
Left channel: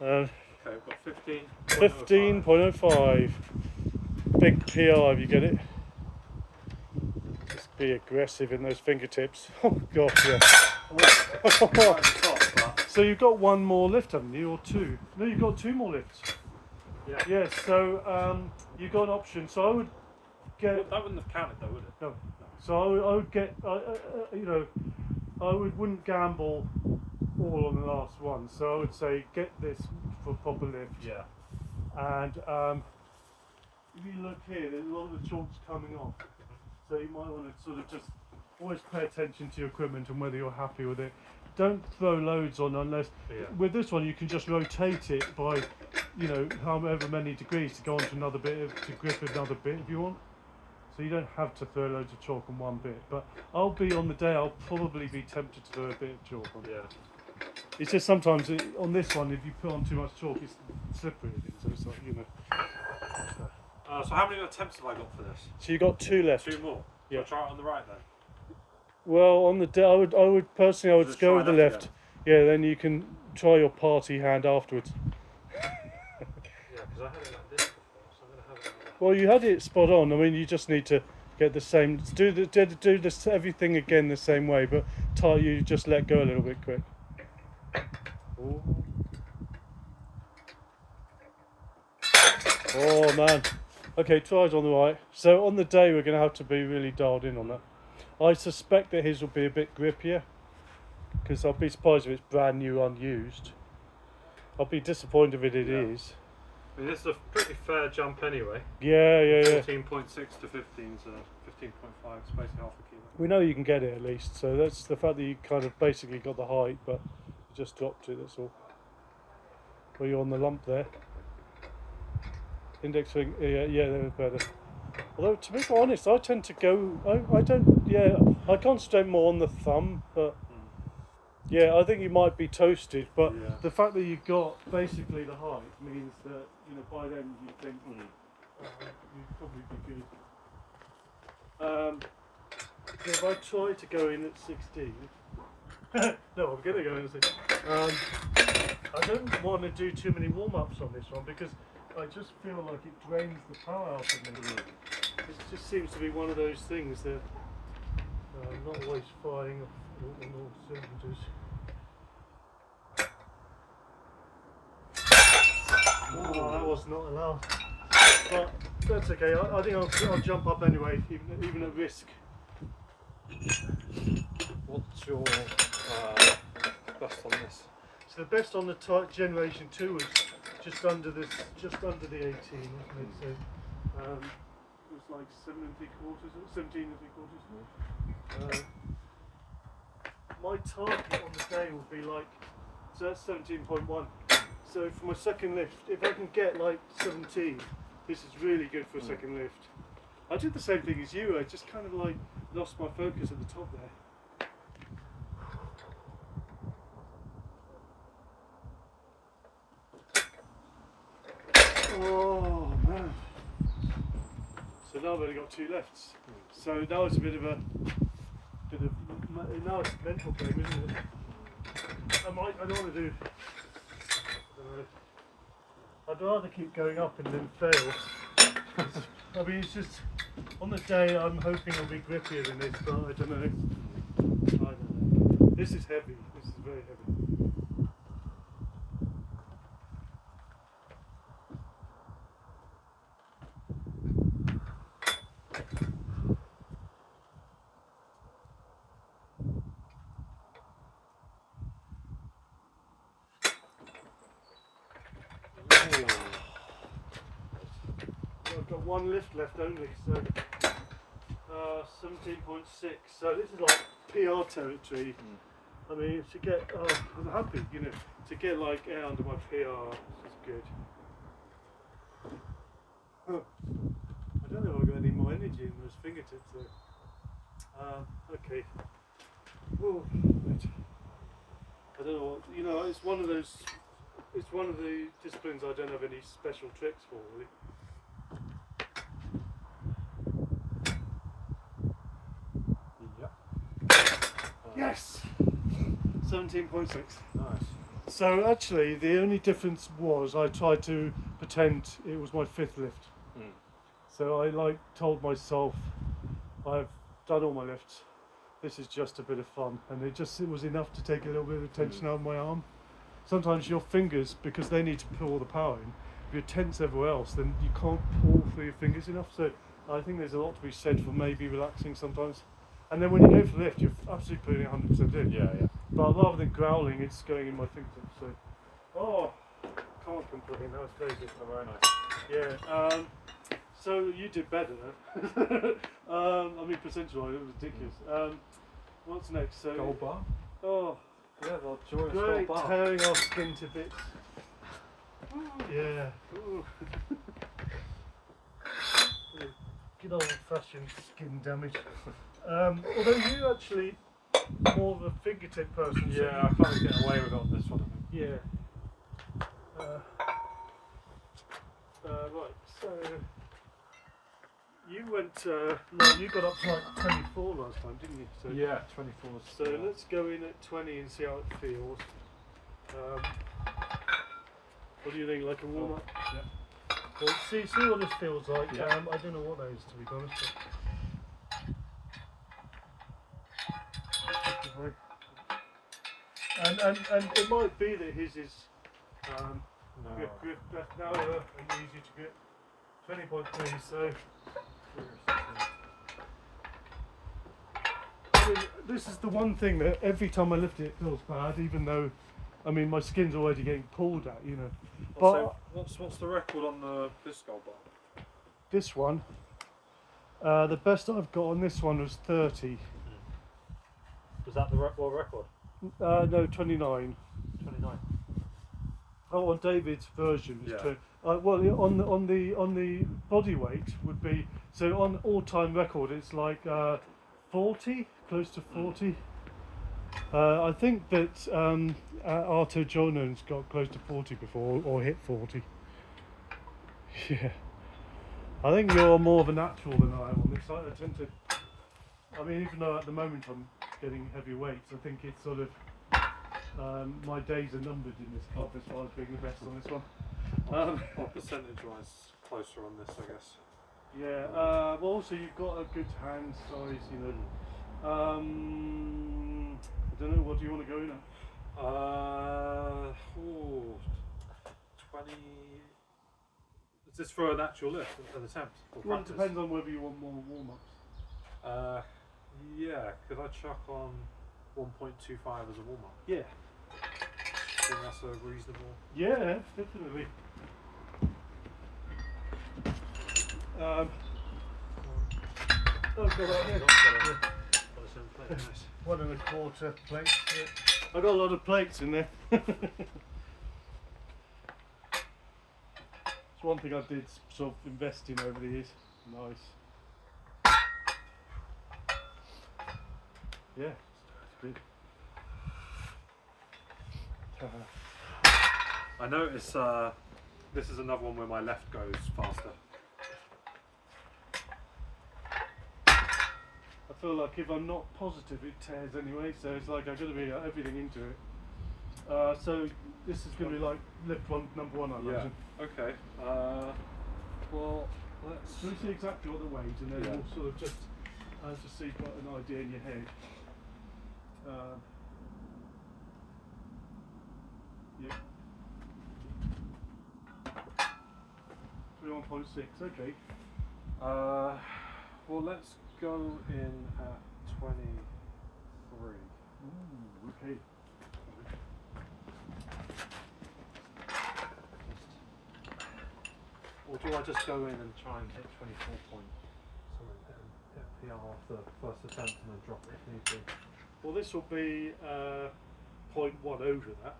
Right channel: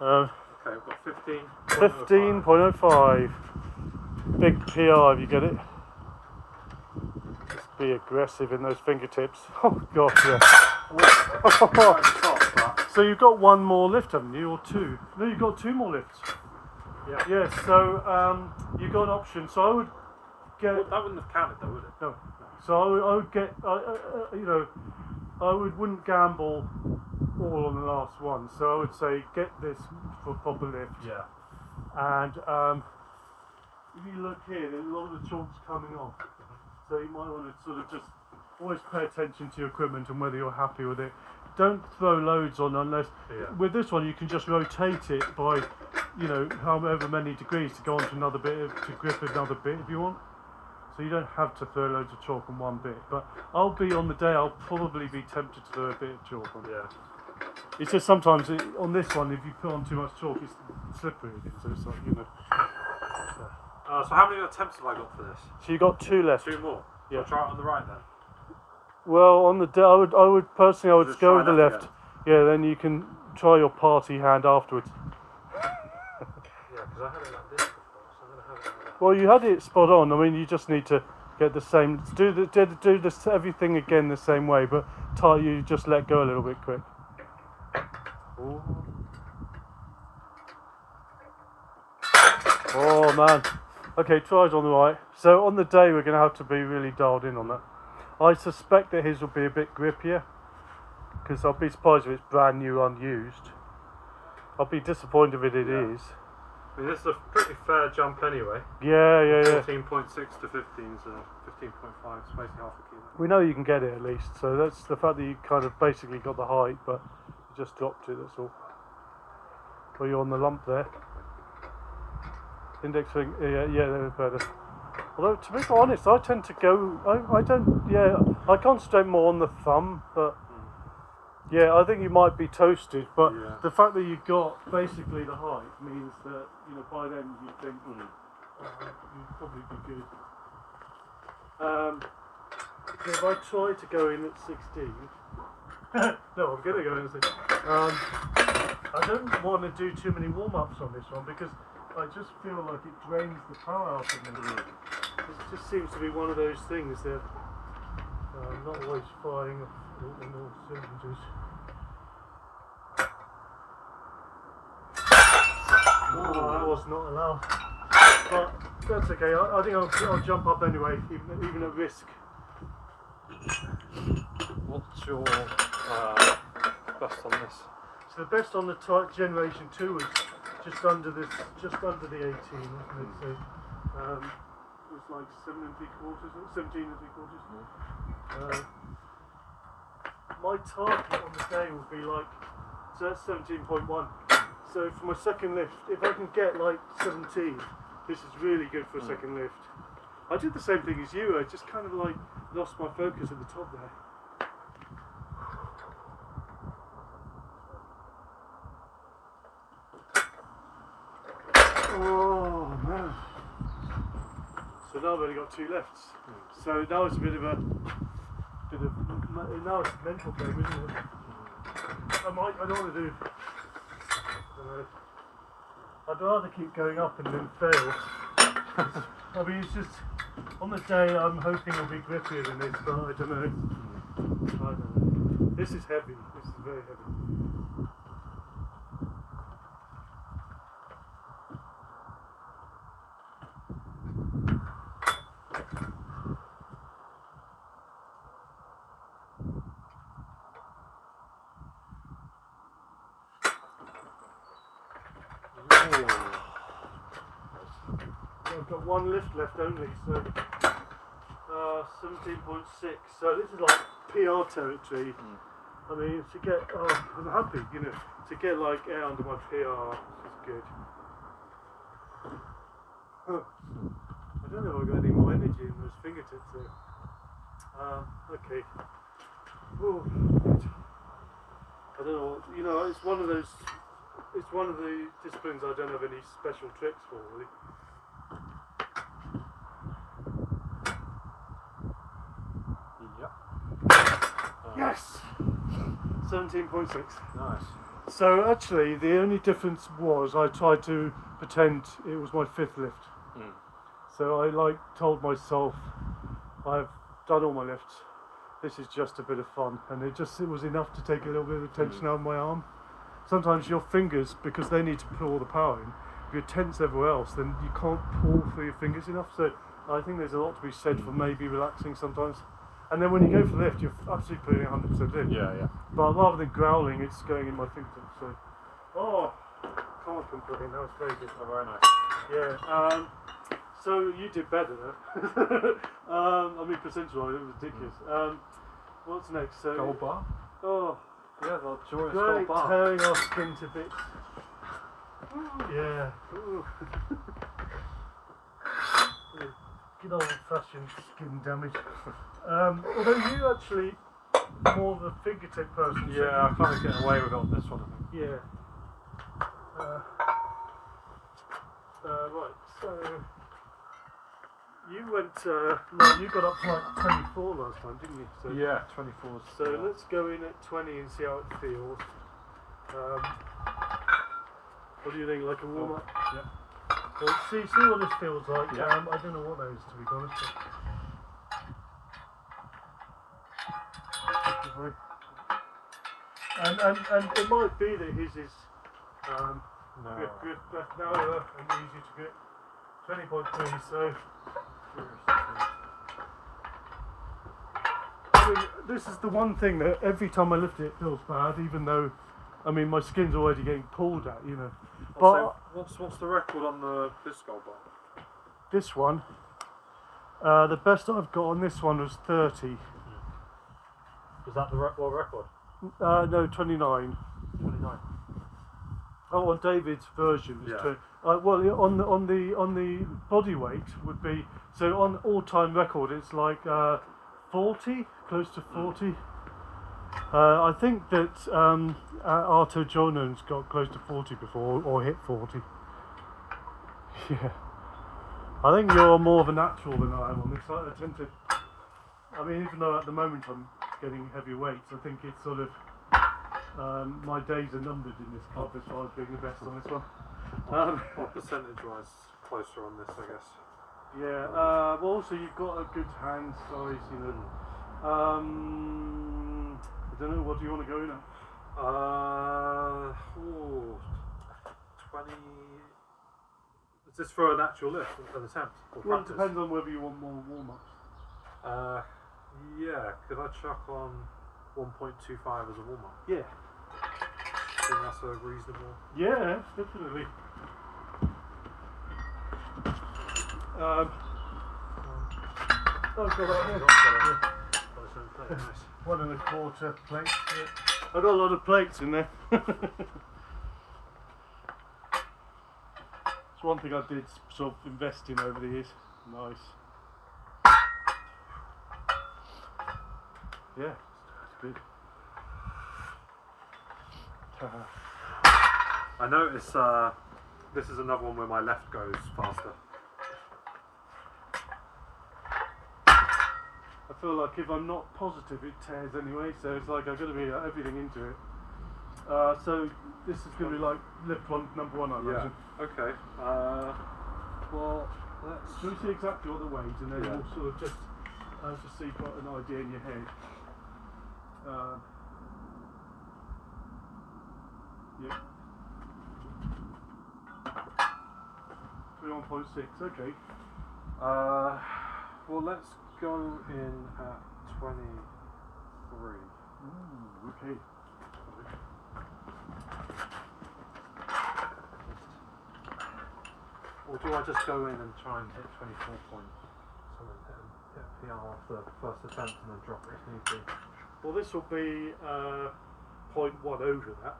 Okay, We've got 15. 15.05. Big PR, if you get it. Just be aggressive in those fingertips. Oh gosh, yeah. So you've got one more lift, haven't you, or two? No, you've got 2 more lifts. Yeah. Yes. So you've got an option. So I would get. Well, that wouldn't have counted, though, would it? No. So I would get. I wouldn't gamble all on the last one. So I would say get this for proper lift. Yeah. And if you look here, there's a lot of the chalk's coming off. So you might want to sort of just always pay attention to your equipment and whether you're happy with it. Don't throw loads on unless, with this one you can just rotate it by, however many degrees to go onto another bit, to grip another bit if you want. So you don't have to throw loads of chalk on one bit. But I'll probably be tempted to throw a bit of chalk on. Yeah. It's just sometimes on this one, if you put on too much chalk, it's slippery again. So it's like, So how many attempts have I got for this? So you got 2 left. 2 more. Yeah. I'll try it on the right then. Well, on the day, I would personally, Just go try with the left left. Yeah, then you can try your party hand afterwards. Yeah, because I had it like this before, so I'm going to have it like that. Well, you had it spot on. I mean, you just need to get the same. Do this everything again the same way, but you just let go a little bit quick. Ooh. Oh man. Okay, tries on the right. So on the day we're going to have to be really dialed in on that. I suspect that his will be a bit grippier, because I'll be surprised if it's brand new unused. I'll be disappointed if it is. I mean, this is a pretty fair jump anyway. Yeah. 14.6 to 15, so 15.5, it's basically half a kilo. We know you can get it at least, so that's the fact that you kind of basically got the height, but you just dropped it, that's all. Well, you're on the lump there. Index finger, yeah, they're better. Although, to be honest, I tend to go, I concentrate more on the thumb, but yeah, I think you might be toasted, but the fact that you got basically the height means that, by then you think you'd probably be good. So if I try to go in at 16, no, I'm going to go in at 16. I don't want to do too many warm-ups on this one because I just feel like it drains the power out of me. It just seems to be one of those things that I'm not always firing on all cylinders. Oh, that was not allowed. But that's okay. I think I'll jump up anyway, even at risk. What's your best on this? So the best on the type Generation 2 was just under the 18, wasn't it? So it was like 17 3/4. My target on the day will be like, so that's 17.1. So for my second lift, if I can get like 17, this is really good for a second lift. I did the same thing as you. I just kind of like lost my focus at the top there. Oh man. So now I've only got 2 lefts. So now it's a bit of now it's a mental game, isn't it? I don't want to do, I'd rather keep going up and then fail. I mean, it's just, on the day I'm hoping it'll be grippier than this, but I don't know. This is heavy, this is very heavy. I've got 1 lift left only, so 17.6. So this is like PR territory. I mean, to get, I'm happy, to get like air under my PR is good. I don't know if I've got any more energy in those fingertips though. Okay. Oh, good. I don't know. It's one of the disciplines I don't have any special tricks for, really. Yes! 17.6. Nice. So actually, the only difference was I tried to pretend it was my 5th lift. So I told myself, I've done all my lifts. This is just a bit of fun, and it was enough to take a little bit of tension out of my arm. Sometimes your fingers, because they need to pull all the power in, if you're tense everywhere else, then you can't pull through your fingers enough. So I think there's a lot to be said for maybe relaxing sometimes. And then when you go for the lift, you're absolutely putting 100% in. Yeah. But rather than growling, it's going in my fingertips. So, can't complain. That was very good. Oh, very nice. Yeah. So you did better though. I mean, percentage-wise, it was ridiculous. What's next? So Gold bar? Oh, Yeah, the joyous great, gold bar. tearing our skin to bits. Yeah. Good old-fashioned skin damage. Although you actually more of a fingertip person. Yeah, I can't get away with it on this one, I think. Yeah. Right, so you went, you got up to like 24 last time, didn't you? So, Yeah, 24. So let's go in at 20 and see how it feels. What do you think, like a warm-up? Yeah. Well, see what this feels like. Yeah. I don't know what that is, to be honest. sorry. And it might be that his is grip narrower and easier to grip. 20.3, so I mean, this is the one thing that every time I lift it feels bad, even though, I mean, my skin's already getting pulled at, you know. But what's the record on this gold bar? this one, the best I've got on this one was 30. Is that the world record? No, 29. 29. Oh, on David's version, is Yeah. well, on the body weight would be, so on all-time record it's like 40, close to 40. I think that Arto Jonan's got close to 40 before, or hit 40. Yeah. I think you're more of a natural than I am on this. I tend to, I mean, even though at the moment I'm getting heavy weights, I think it's sort of, my days are numbered in this club as far as being the best on this one. What percentage-wise closer on this, I guess? Yeah, well also you've got a good hand size, you know. I don't know, what do you want to go in at? 20... Is this for an actual lift, an attempt? Or Well, it practice? depends on whether you want more warm-ups. Yeah, could I chuck on 1.25 as a warm-up? Yeah. I think that's a reasonable... Yeah, definitely. Oh, got that here. Yeah. 1.25 plates. Yeah. I've got a lot of plates in there. It's one thing I did sort of invest in over the years. Nice. Yeah, it's good. I notice this is another one where my left goes faster. I feel like if I'm not positive, it tears anyway. So it's like I've got to be everything into it. So this is going to be like lift one, number one, I imagine. Okay. Well, let's. So we see exactly what the weight, and then Yeah. we'll sort of just so you've got an idea in your head. Yeah. 21.6. Okay. Well, let's go in at 23. Ooh, okay. Or do I just go in and try and hit 24 point something, hit PR off the first attempt and then drop it if need be? Well, this will be 0.1 over that,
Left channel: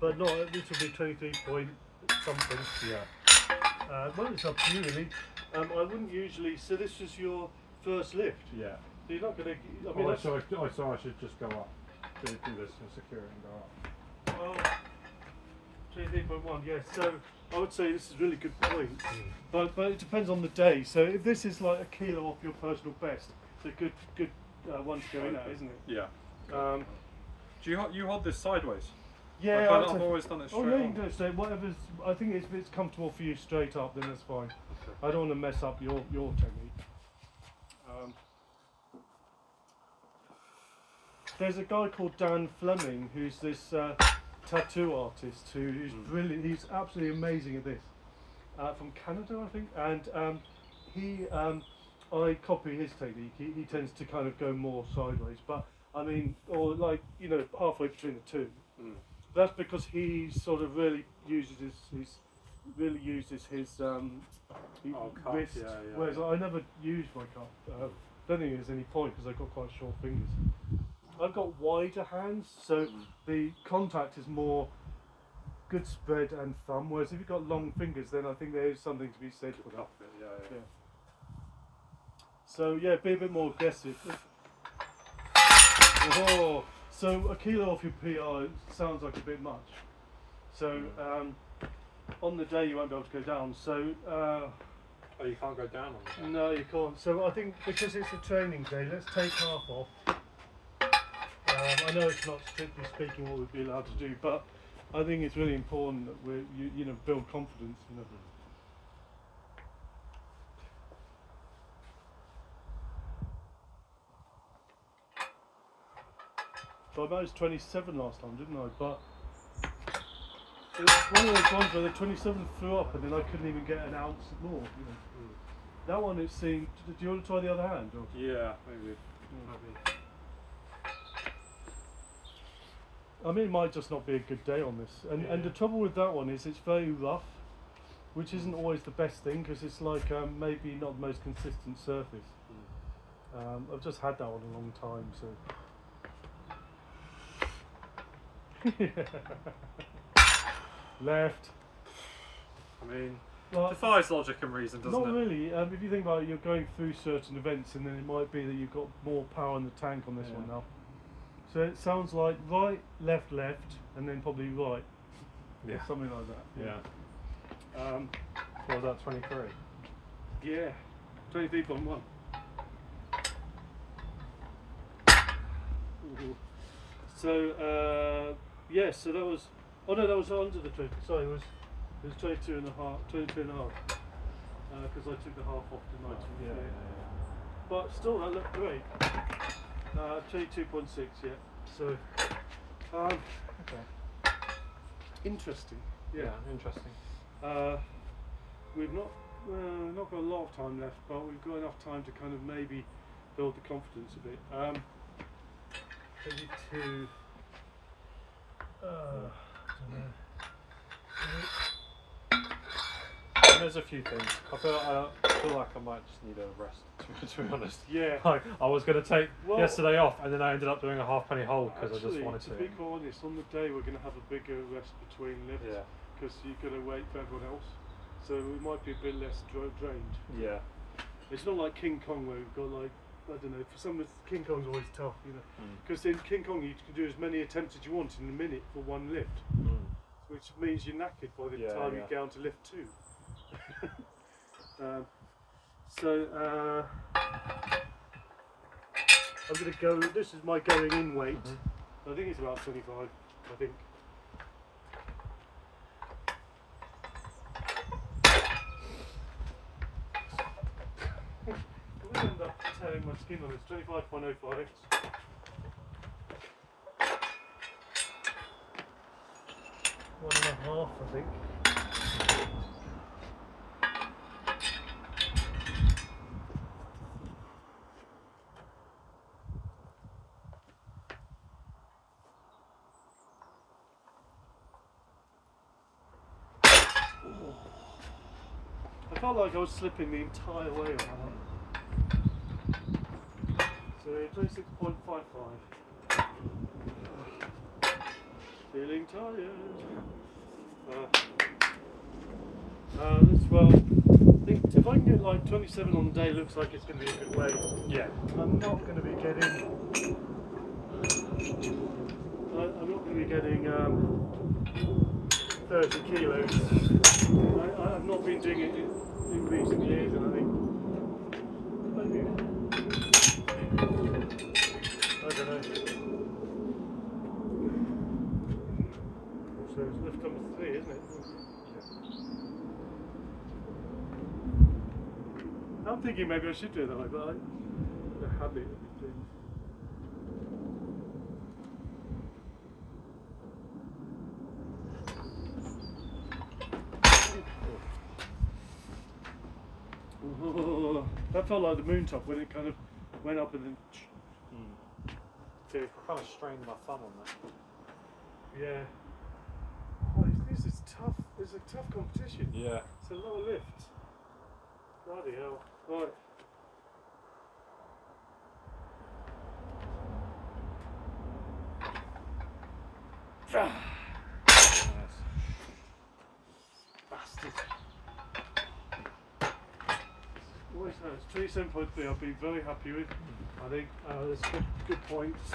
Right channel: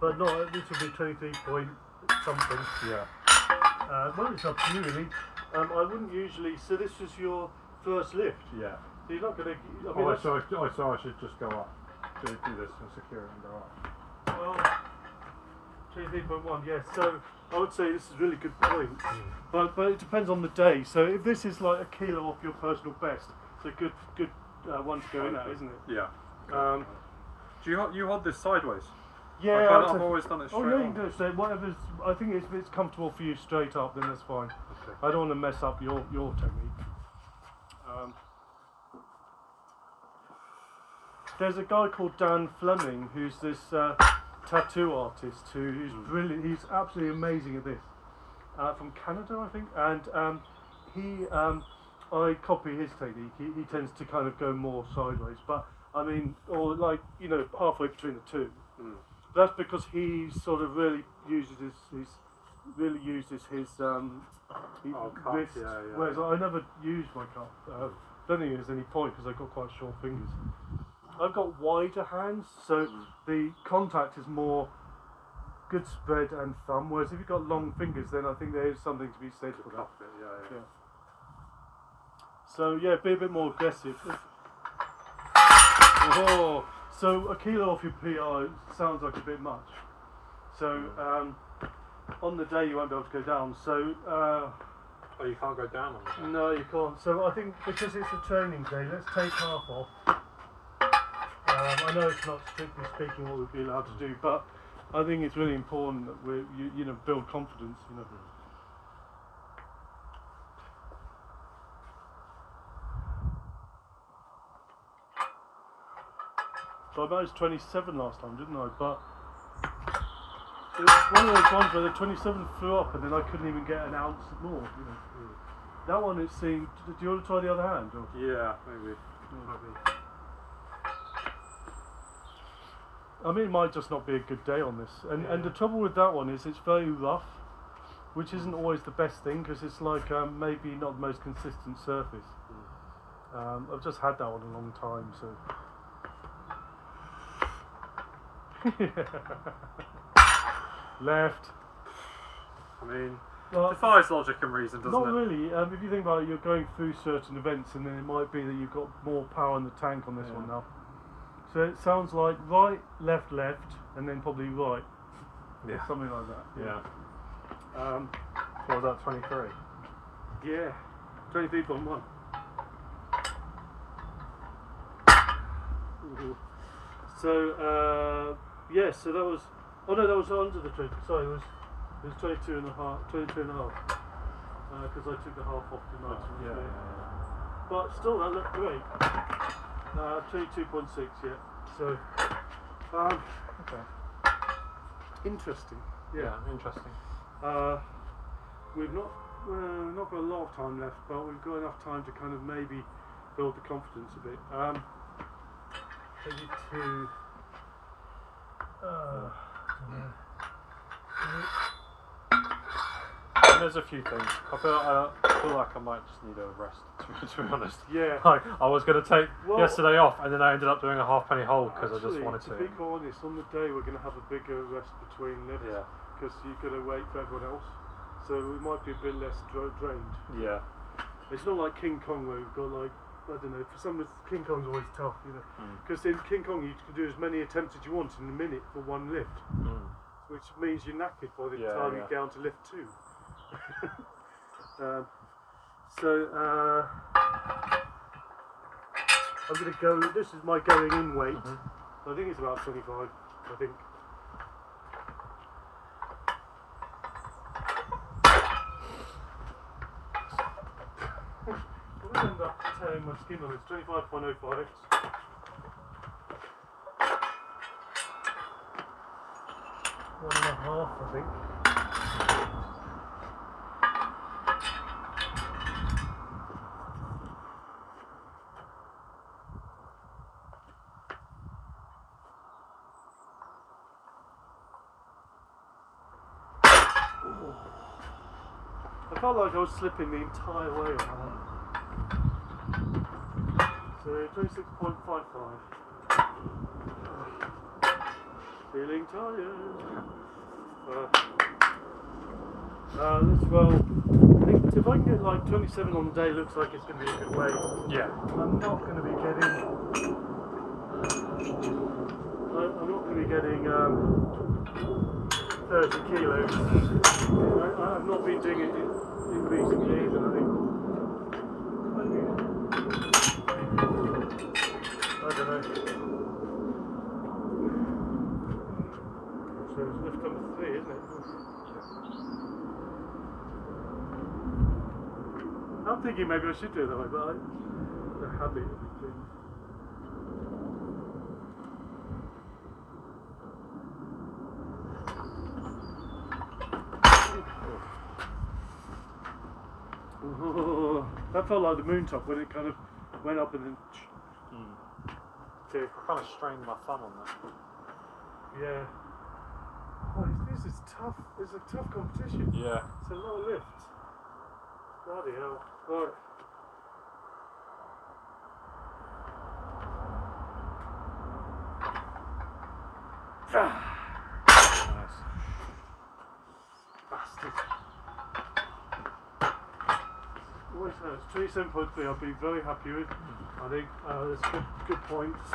but no, this will be 23 point something. Yeah. Well, it's up to you really. I wouldn't usually. So this is your first lift. Yeah. So you're not going to. I mean, So I should just go up. Do this and secure it and go up. well, 23.1. Yes. So I would say this is really good point. But it depends on the day. So if this is like a kilo off your personal best, it's a good one to go in at, isn't it? Yeah. Do you hold this sideways? Yeah. I've always done it straight Oh yeah, you on. can do it straight. Whatever's. I think if it's comfortable for you straight up, then that's fine. Okay. I don't want to mess up your technique. There's a guy called Dan Fleming who's this tattoo artist who's brilliant. He's absolutely amazing at this. From Canada, I think, and I copy his technique. He tends to kind of go more sideways, but I mean, or like halfway between the two. That's because he sort of really uses his wrist, yeah. whereas I never use my cup. Don't think there's any point because I've got quite short fingers. I've got wider hands, so the contact is more good spread and thumb, whereas if you've got long fingers, then I think there is something to be said for that. Yeah. So yeah, be a bit more aggressive. Oh, so a kilo off your PR sounds like a bit much. So on the day you won't be able to go down. So Oh, you can't go down on that? no, you can't. So I think because it's a training day, let's take half off. I know it's not strictly speaking what we'd be allowed to do, but I think it's really important that we build confidence. So I managed 27 last time, didn't I? But it's one of those ones where the 27 flew up and then I couldn't even get an ounce more. You know. That one, it seemed. Do you want to try the other hand? Or? Yeah, maybe. I mean, it might just not be a good day on this. And the trouble with that one is it's very rough, which isn't always the best thing because it's like maybe not the most consistent surface. I've just had that one a long time, so. Left. I mean, Well, defies logic and reason, doesn't not it? really. If you think about it, you're going through certain events, and then it might be that you've got more power in the tank on this one now. So it sounds like right, left, and then probably right. Yeah. Or something like that. Yeah. What was that, 23? Yeah. 23.1. So yeah, so that was. Oh no, that was under the 20. Sorry, it was 22 and a half. 22 and a half. Because I took the half off tonight. Yeah. But still, that looked great. 22.6, yeah. So, Okay. interesting. Yeah, interesting. We've not got a lot of time left, but we've got enough time to kind of maybe build the confidence a bit. Maybe to. There's a few things. I feel like I might just need a rest, to be honest. Yeah. Like, I was going to take Well, yesterday off, and then I ended up doing a halfpenny hole because I just actually, wanted to be quite honest, on the day we're going to have a bigger rest between lifts because you've got to wait for everyone else. So we might be a bit less drained. Yeah. It's not like King Kong where you've got like, I don't know, for some of King Kong's always tough, you know. Because in King Kong you can do as many attempts as you want in a minute for one lift. Which means you're knackered by the time you get down to lift 2. I'm going to go, this is my going in weight. I think it's about 25, I think. I'm going to end up tearing my skin on this, 25.05. One and a half, I think. I felt like I was slipping the entire way on that one. So 26.55. Feeling tired. Well, I think if I can get like 27 on the day, looks like it's going to be a good weight. Yeah. I'm not going to be getting. I'm not going to be getting 30 kilos. I've not been doing it in recent years, and I think I don't know. So it's lift number 3, isn't it? I'm thinking maybe I should do it that way, but the habit of doing. Oh, that felt like the moon top when it kind of went up and then. I kind of strained my thumb on that. Yeah. Oh, this is tough. It's a tough competition. Yeah. It's a lot of lifts. Bloody hell. Right. Nice. Bastard. Always has. 27.3 I'll be very happy with. I think there's good points.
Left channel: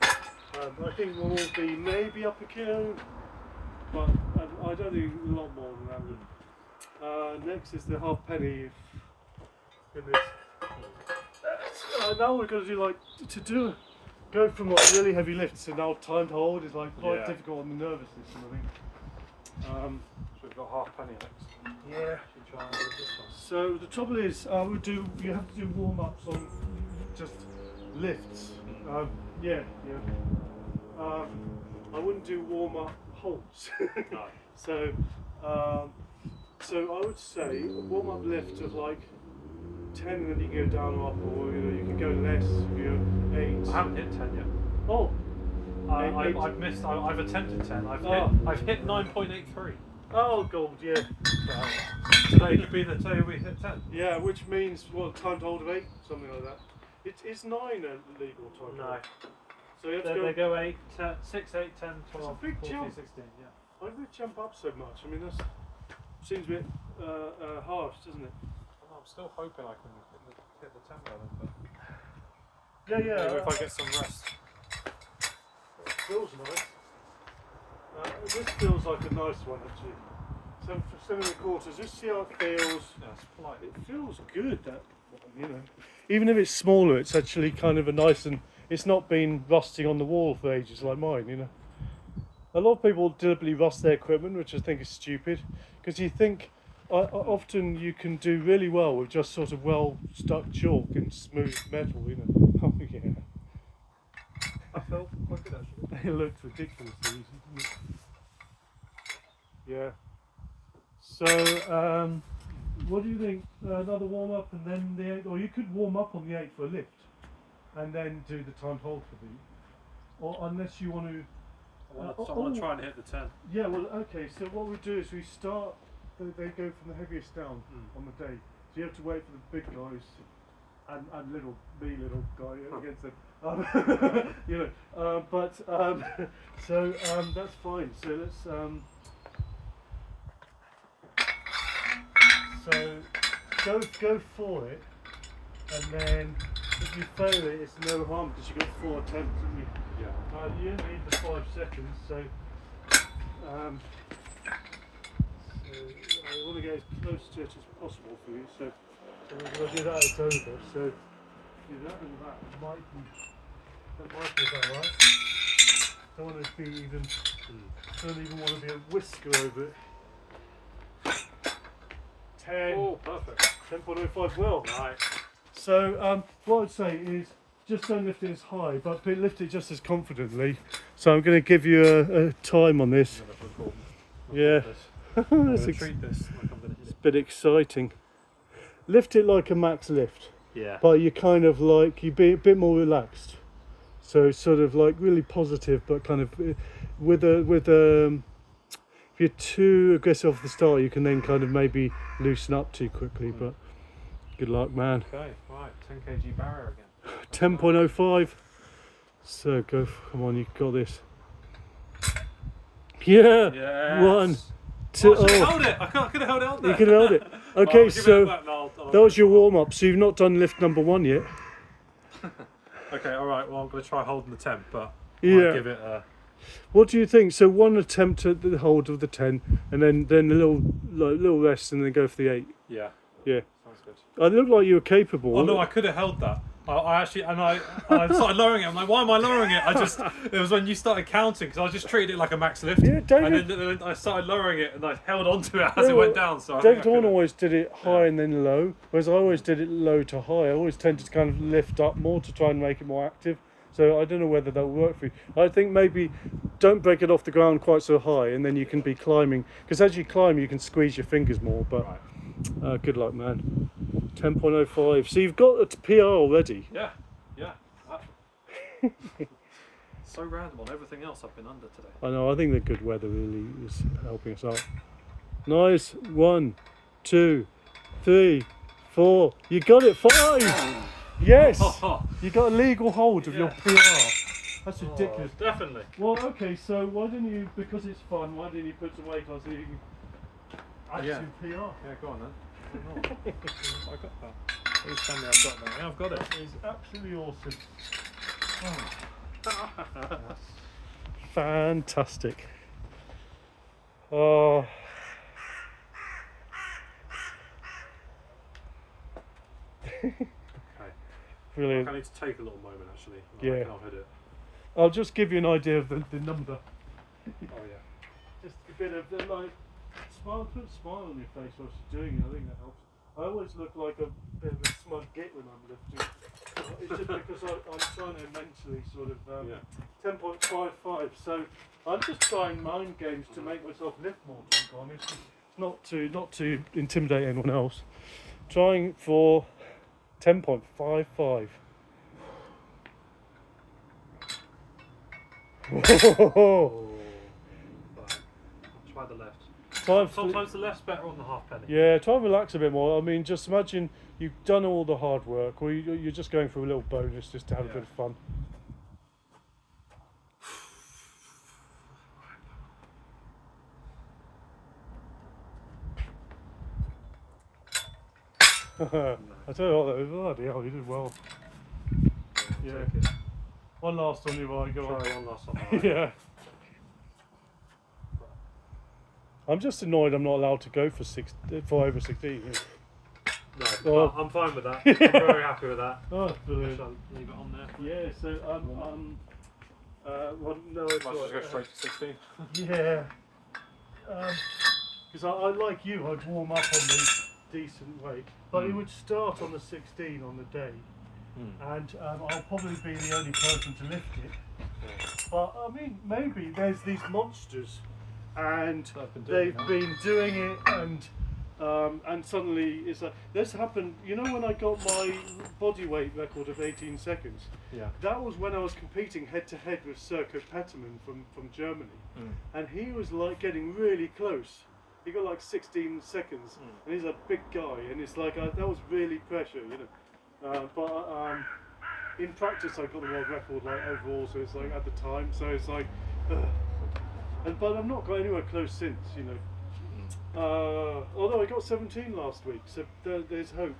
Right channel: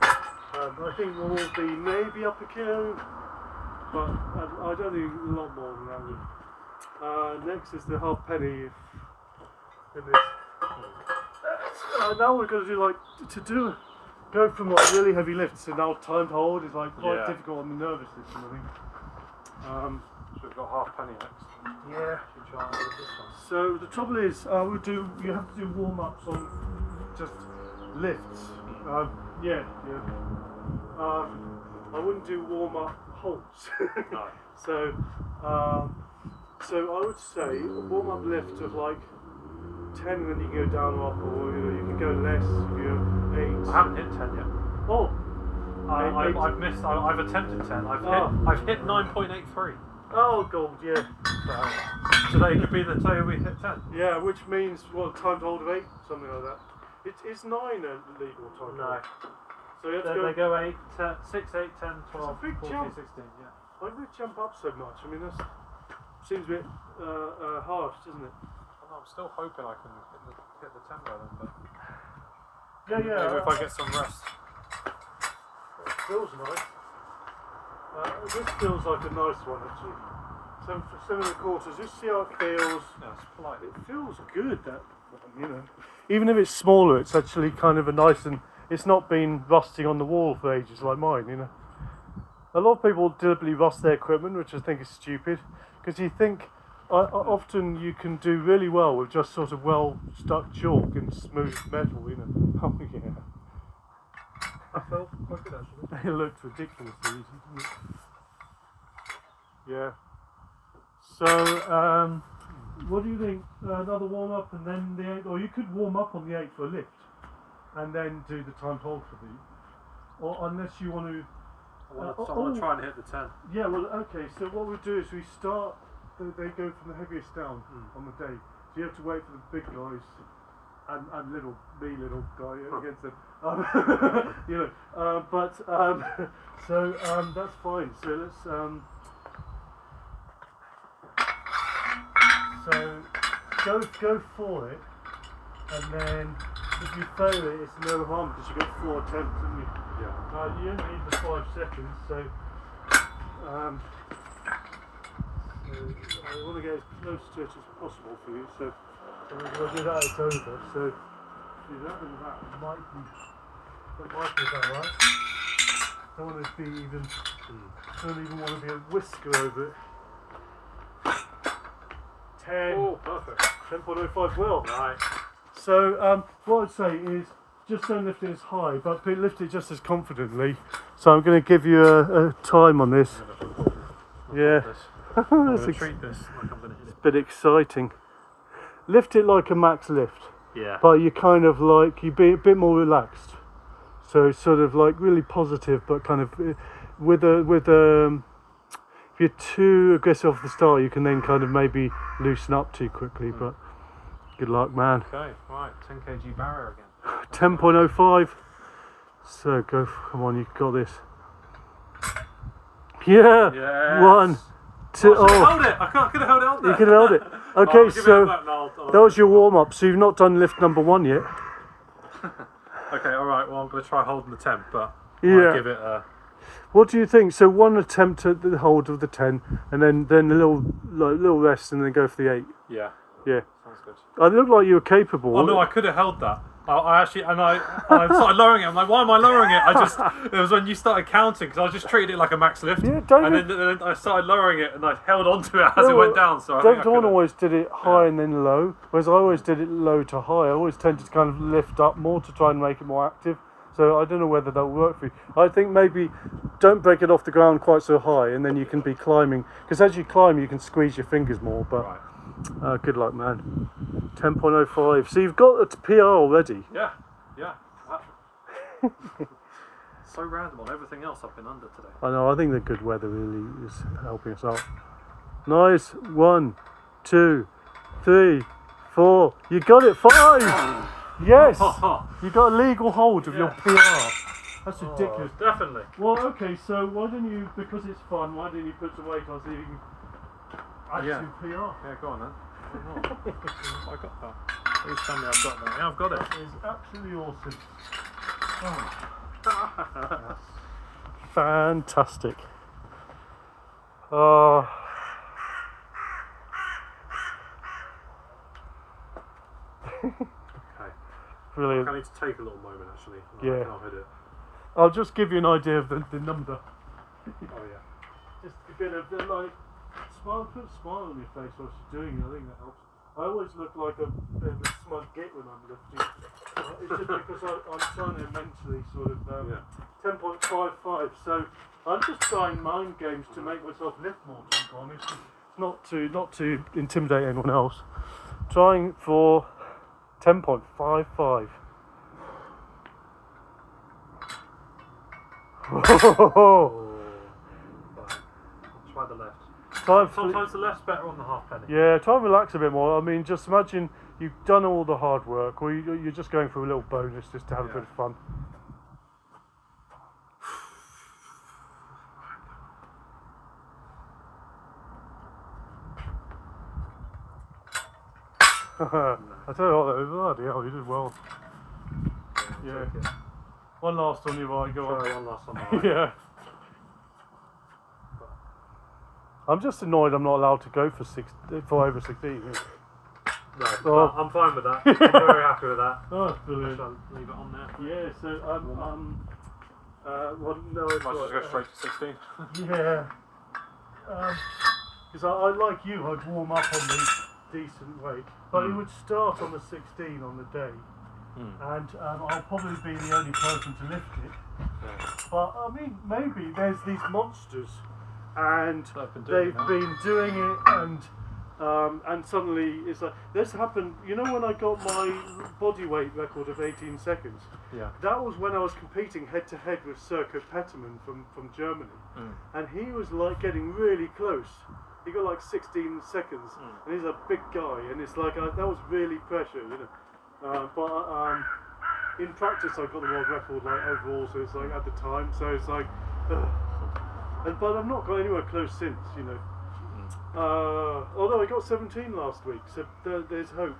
I think we'll all be maybe up a kilo, but I don't think a lot more than that. Next is the halfpenny. Now we're going to do like go from like really heavy lifts to now timed hold is like quite difficult on the nervous system, I think. So we've got halfpenny next. Yeah. Try and do this one. So the trouble is, you have to do warm-ups on just lifts. Yeah. I wouldn't do warm-up holds. No. So I would say a warm-up lift of like 10, and then you can go down or up, or you can go less. You can go 8. I haven't hit 10 yet. Oh, I've missed. I've attempted 10. I've hit 9.83. oh god, yeah. So today could be the day we hit 10. Yeah, which means time to hold of 8, something like that. It's 9 a legal time. No. Hold. So you have to They go. go 8, 10, 6, 8, 10, 12, It's a big 14, jump. 16. Yeah. Why do they jump up so much? I mean, that seems a bit harsh, doesn't it? Well, I'm still hoping I can hit the 10 by then, but Yeah, maybe if I get some rest. It feels nice. This feels like a nice one actually. So for 7 1/4, just see how it feels. Yeah, it's polite. It feels good, that one, you know. Even if it's smaller, it's actually kind of a nice, and it's not been rusting on the wall for ages like mine, you know. A lot of people deliberately rust their equipment, which I think is stupid, because you think often you can do really well with just sort of well stuck chalk and smooth metal, you know. Oh yeah. That felt quite good actually. It looked ridiculously easy, didn't it? Yeah. So, what do you think? Another warm up and then the 8, or you could warm up on the 8 for a lift, and then do the timed hold for the, or unless you want to. I want to try and hit the 10. Yeah. Well, okay. So what we do is we start. They go from the heaviest down on the day. So you have to wait for the big guys and little guy against them. You know. So that's fine. So let's. So go for it, and then if you fail it, it's no harm because you've got 4 attempts, haven't you? Yeah. You only need the 5 seconds, so I want to get as close to it as possible for you. So we'll do that. It's over. So do that and that might be about right. Don't want to be even. Don't even want to be a whisker over it. 10. Oh, perfect. 10.05 well. Right. So what I'd say is just don't lift it as high, but lift it just as confidently. So I'm going to give you a time on this. Yeah. Treat this like I'm going to hit It's a bit exciting. Lift it like a max lift, Yeah. but you kind of like, you be a bit more relaxed. So it's sort of like really positive, but kind of if you're too aggressive off the start, you can then kind of maybe loosen up too quickly, but good luck, man. Okay, right, 10 kg barrier again. 10.05. So go, come on, you've got this. Yeah. Yes. 1, 2. I held it. I could have held it on there. You could have held it. Okay, I'll give it so back now. that was your warm up. So you've not done lift number 1 yet. Okay, all right. Well, I'm going to try holding the 10, but Yeah. I'll give it a. What do you think? So 1 attempt at the hold of the 10, and then a little rest, and then go for the 8. Yeah. Yeah. Sounds good. I look like you were capable. Oh no, I could have held that. I actually, and I started lowering it. I'm like, why am I lowering it? It was when you started counting, because I just treated it like a max lift. Yeah, David. And then I started lowering it, and I held onto it as Yeah, it went down. So I think I David could've- always did it high and then low, whereas I always did it low to high. I always tended to kind of lift up more to try and make it more active. So I don't know whether that'll work for you. I think maybe don't break it off the ground quite so high, and then you can be climbing. Because as you climb, you can squeeze your fingers more. But Right. good luck, man. 10.05. So you've got a PR already. Yeah. So random on everything else I've been under today. I know. I think the good weather really is helping us out. Nice. 1, 2, 3, 4. You got it. 5. Yes. You got a legal hold of your PR. That's ridiculous. Definitely. Well, okay. So why didn't you? Because it's fun. Why didn't you put some weight on so you can add Yeah. to PR? Yeah, go on then. I got that. Please tell me I've got that. Yeah, I've got it. That is absolutely awesome. Oh. Fantastic. Oh. Okay. Brilliant. I need to take a little moment actually. Yeah. I'll hit it. I'll just give you an idea of the number. Oh yeah. Just a bit of like smile, put a smile on your face whilst you're doing it. I think that helps. I always look like a bit of a smug git when I'm lifting. It's just because I'm trying to mentally sort of 10.55. So I'm just trying mind games to make myself lift more. To be honest, not to intimidate anyone else. Trying for 10.55. Try the left. Sometimes the left's better on the halfpenny. Yeah, try and relax a bit more. I mean, just imagine you've done all the hard work, or you're just going for a little bonus just to have a bit of fun. I tell you what, that was bloody hell, you did well. Yeah. One last on your right, go on. Sorry, one last on my right. Yeah. I'm just annoyed I'm not allowed to go for over 16. No, Oh. I'm fine with that. I'm very happy with that. Oh, brilliant. Shall I leave it on there? Yeah, so well, no, it's Might just go straight to 16. Yeah. Because I like you, I'd warm up on the decent weight, but it would start on the 16 on the day, and I'll probably be the only person to lift it. But I mean, maybe there's these monsters, and they've been doing it, and suddenly it's like this happened. You know, when I got my body weight record of 18 seconds, that was when I was competing head to head with Serko Petterman from Germany, and he was like getting really close. He got like 16 seconds, and he's a big guy, and it's like that was really pressure, you know. But in practice, I got the world record like overall, so it's like at the time, so it's like, but I've not got anywhere close since, you know. Although I got 17 last week, so there's hope.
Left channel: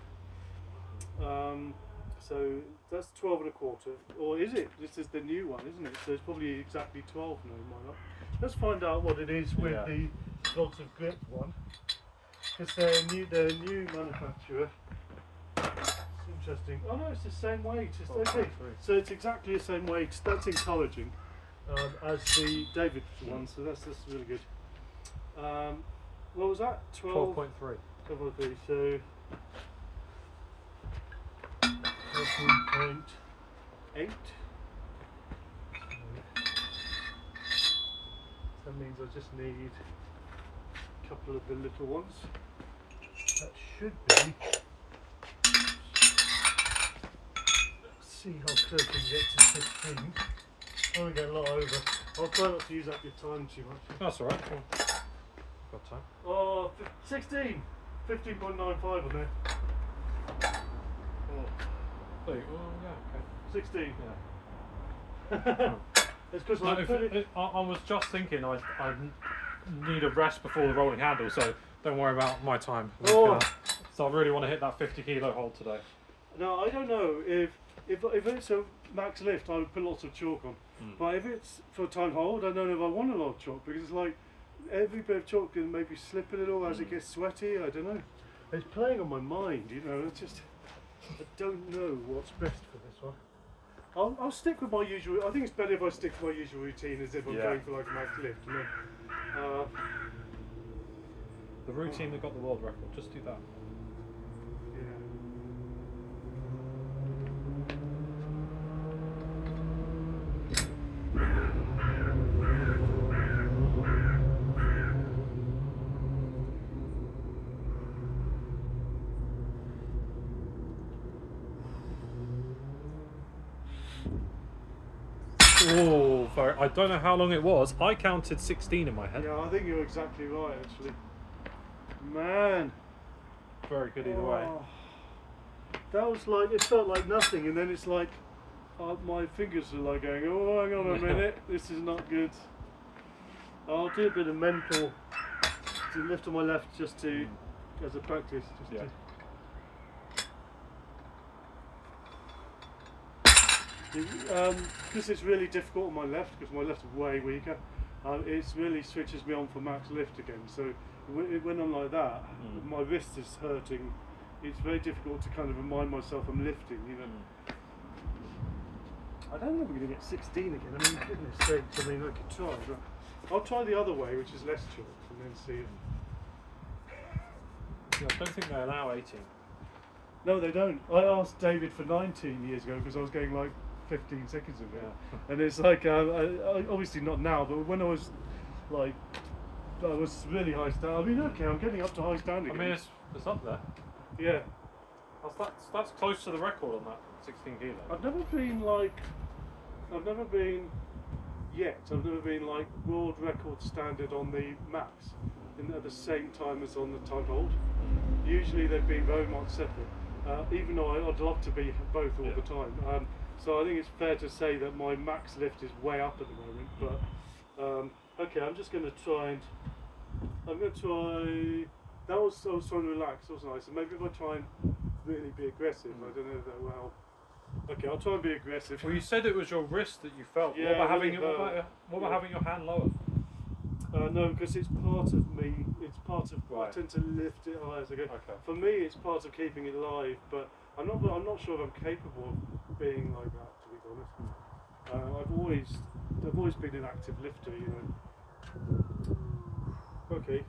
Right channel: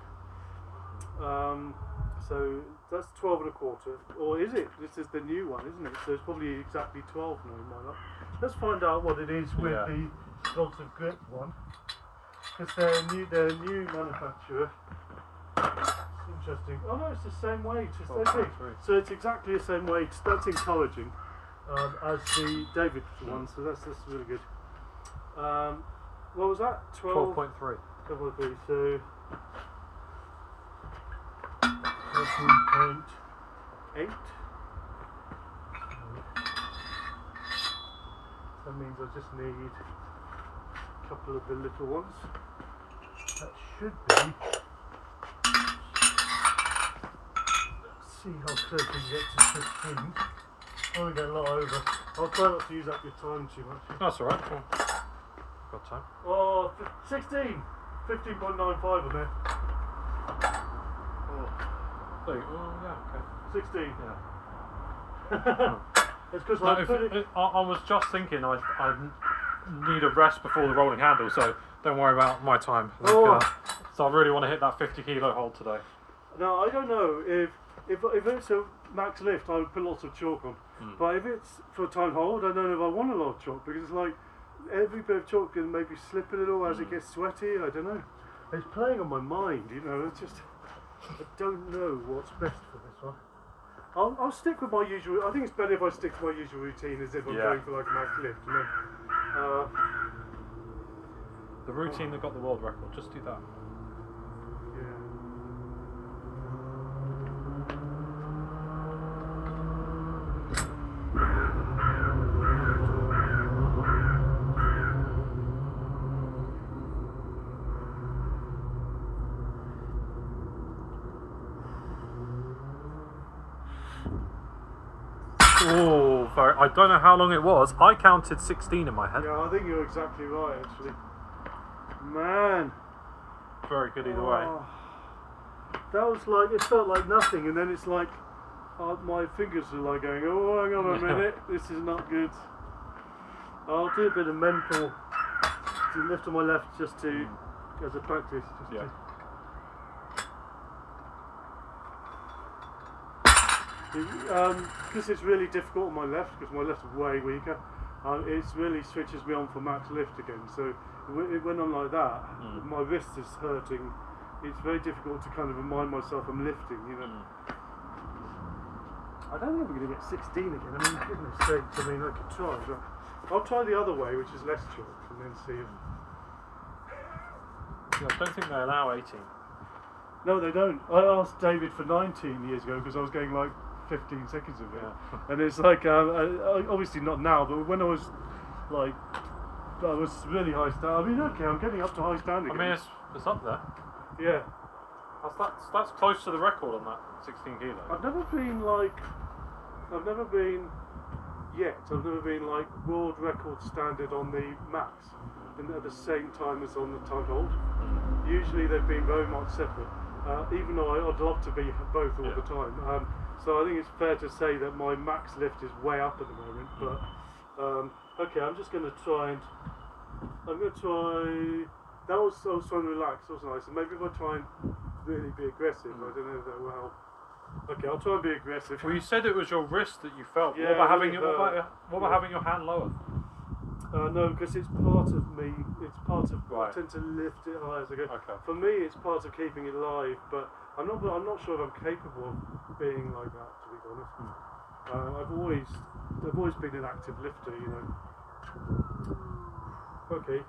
So that's 12 and a quarter, or is it? This is the new one, isn't it? So it's probably exactly 12 now, might not. Let's find out what it is with the Lots of Grip one, because they're a new manufacturer. It's interesting. Oh no, it's the same weight. It's the same thing. So it's exactly the same weight. That's encouraging as the David one. So that's really good. What was that? 12.3. 12.3. So 13.8. That means I just need a couple of the little ones. That should be. Let's see how close we can get to 15. Oh, we get a lot over. I'll try not to use up your time too much. That's alright. Well, got time. Oh, 16! 15.95 on there. Oh, yeah, okay. 16. Yeah. It's because I was just thinking I need a rest before the rolling handle, so don't worry about my time. So I really want to hit that 50 kilo hold today. Now I don't know if it's a max lift, I would put lots of chalk on. But if it's for a time hold, I don't know if I want a lot of chalk, because it's like every bit of chalk can maybe slip a little as it gets sweaty. I don't know. It's playing on my mind, you know. It's just I don't know what's best for this one. I'll stick with my usual. I think it's better if I stick to my usual routine as if I'm going for like a max lift, you know. The routine that got the world record, just do that. Oh, I don't know how long it was. I counted 16 in my head. Yeah, I think you're exactly right, actually. Man. Very good either way. That was like, it felt like nothing, and then it's like, my fingers are like going, oh, hang on a minute, this is not good. I'll do a bit of mental, to lift on my left just to, as a practice. Just to. This is really difficult on my left because my left is way weaker. It really switches me on for max lift again. So it went on like that. My wrist is hurting. It's very difficult to kind of remind myself I'm lifting. You know. I don't know if I'm going to get 16 again. I mean, goodness sakes. I mean, I could try. But I'll try the other way, which is less chalk, and then see if. I don't think they allow 18. No, they don't. I asked David for 19 years ago because I was getting like 15 seconds of it. Yeah. And it's like, obviously not now, but when I was like, I was really high standard. I mean, okay, I'm getting up to high standard. I mean, it's up there. Yeah. That's close to the record on that 16 kilo. I've never been like world record standard on the mats and at the same time as on the tug hold. Usually they've been very much separate, even though I'd love to be both all the time. So I think it's fair to say that my max lift is way up at the moment, but okay, I'm just going to try and I was trying to relax, wasn't I? So maybe if I try and really be aggressive, I don't know if that will help. Okay, I'll try and be aggressive. Well, you said it was your wrist that you felt. Yeah, what about really having your hand lower? No, because it's part of me. It's part of. Right. I tend to lift it high as I go. Okay. For me, it's part of keeping it live, but I'm not sure if I'm capable of being like that. To be honest, I've always been an active lifter, you know. Okay.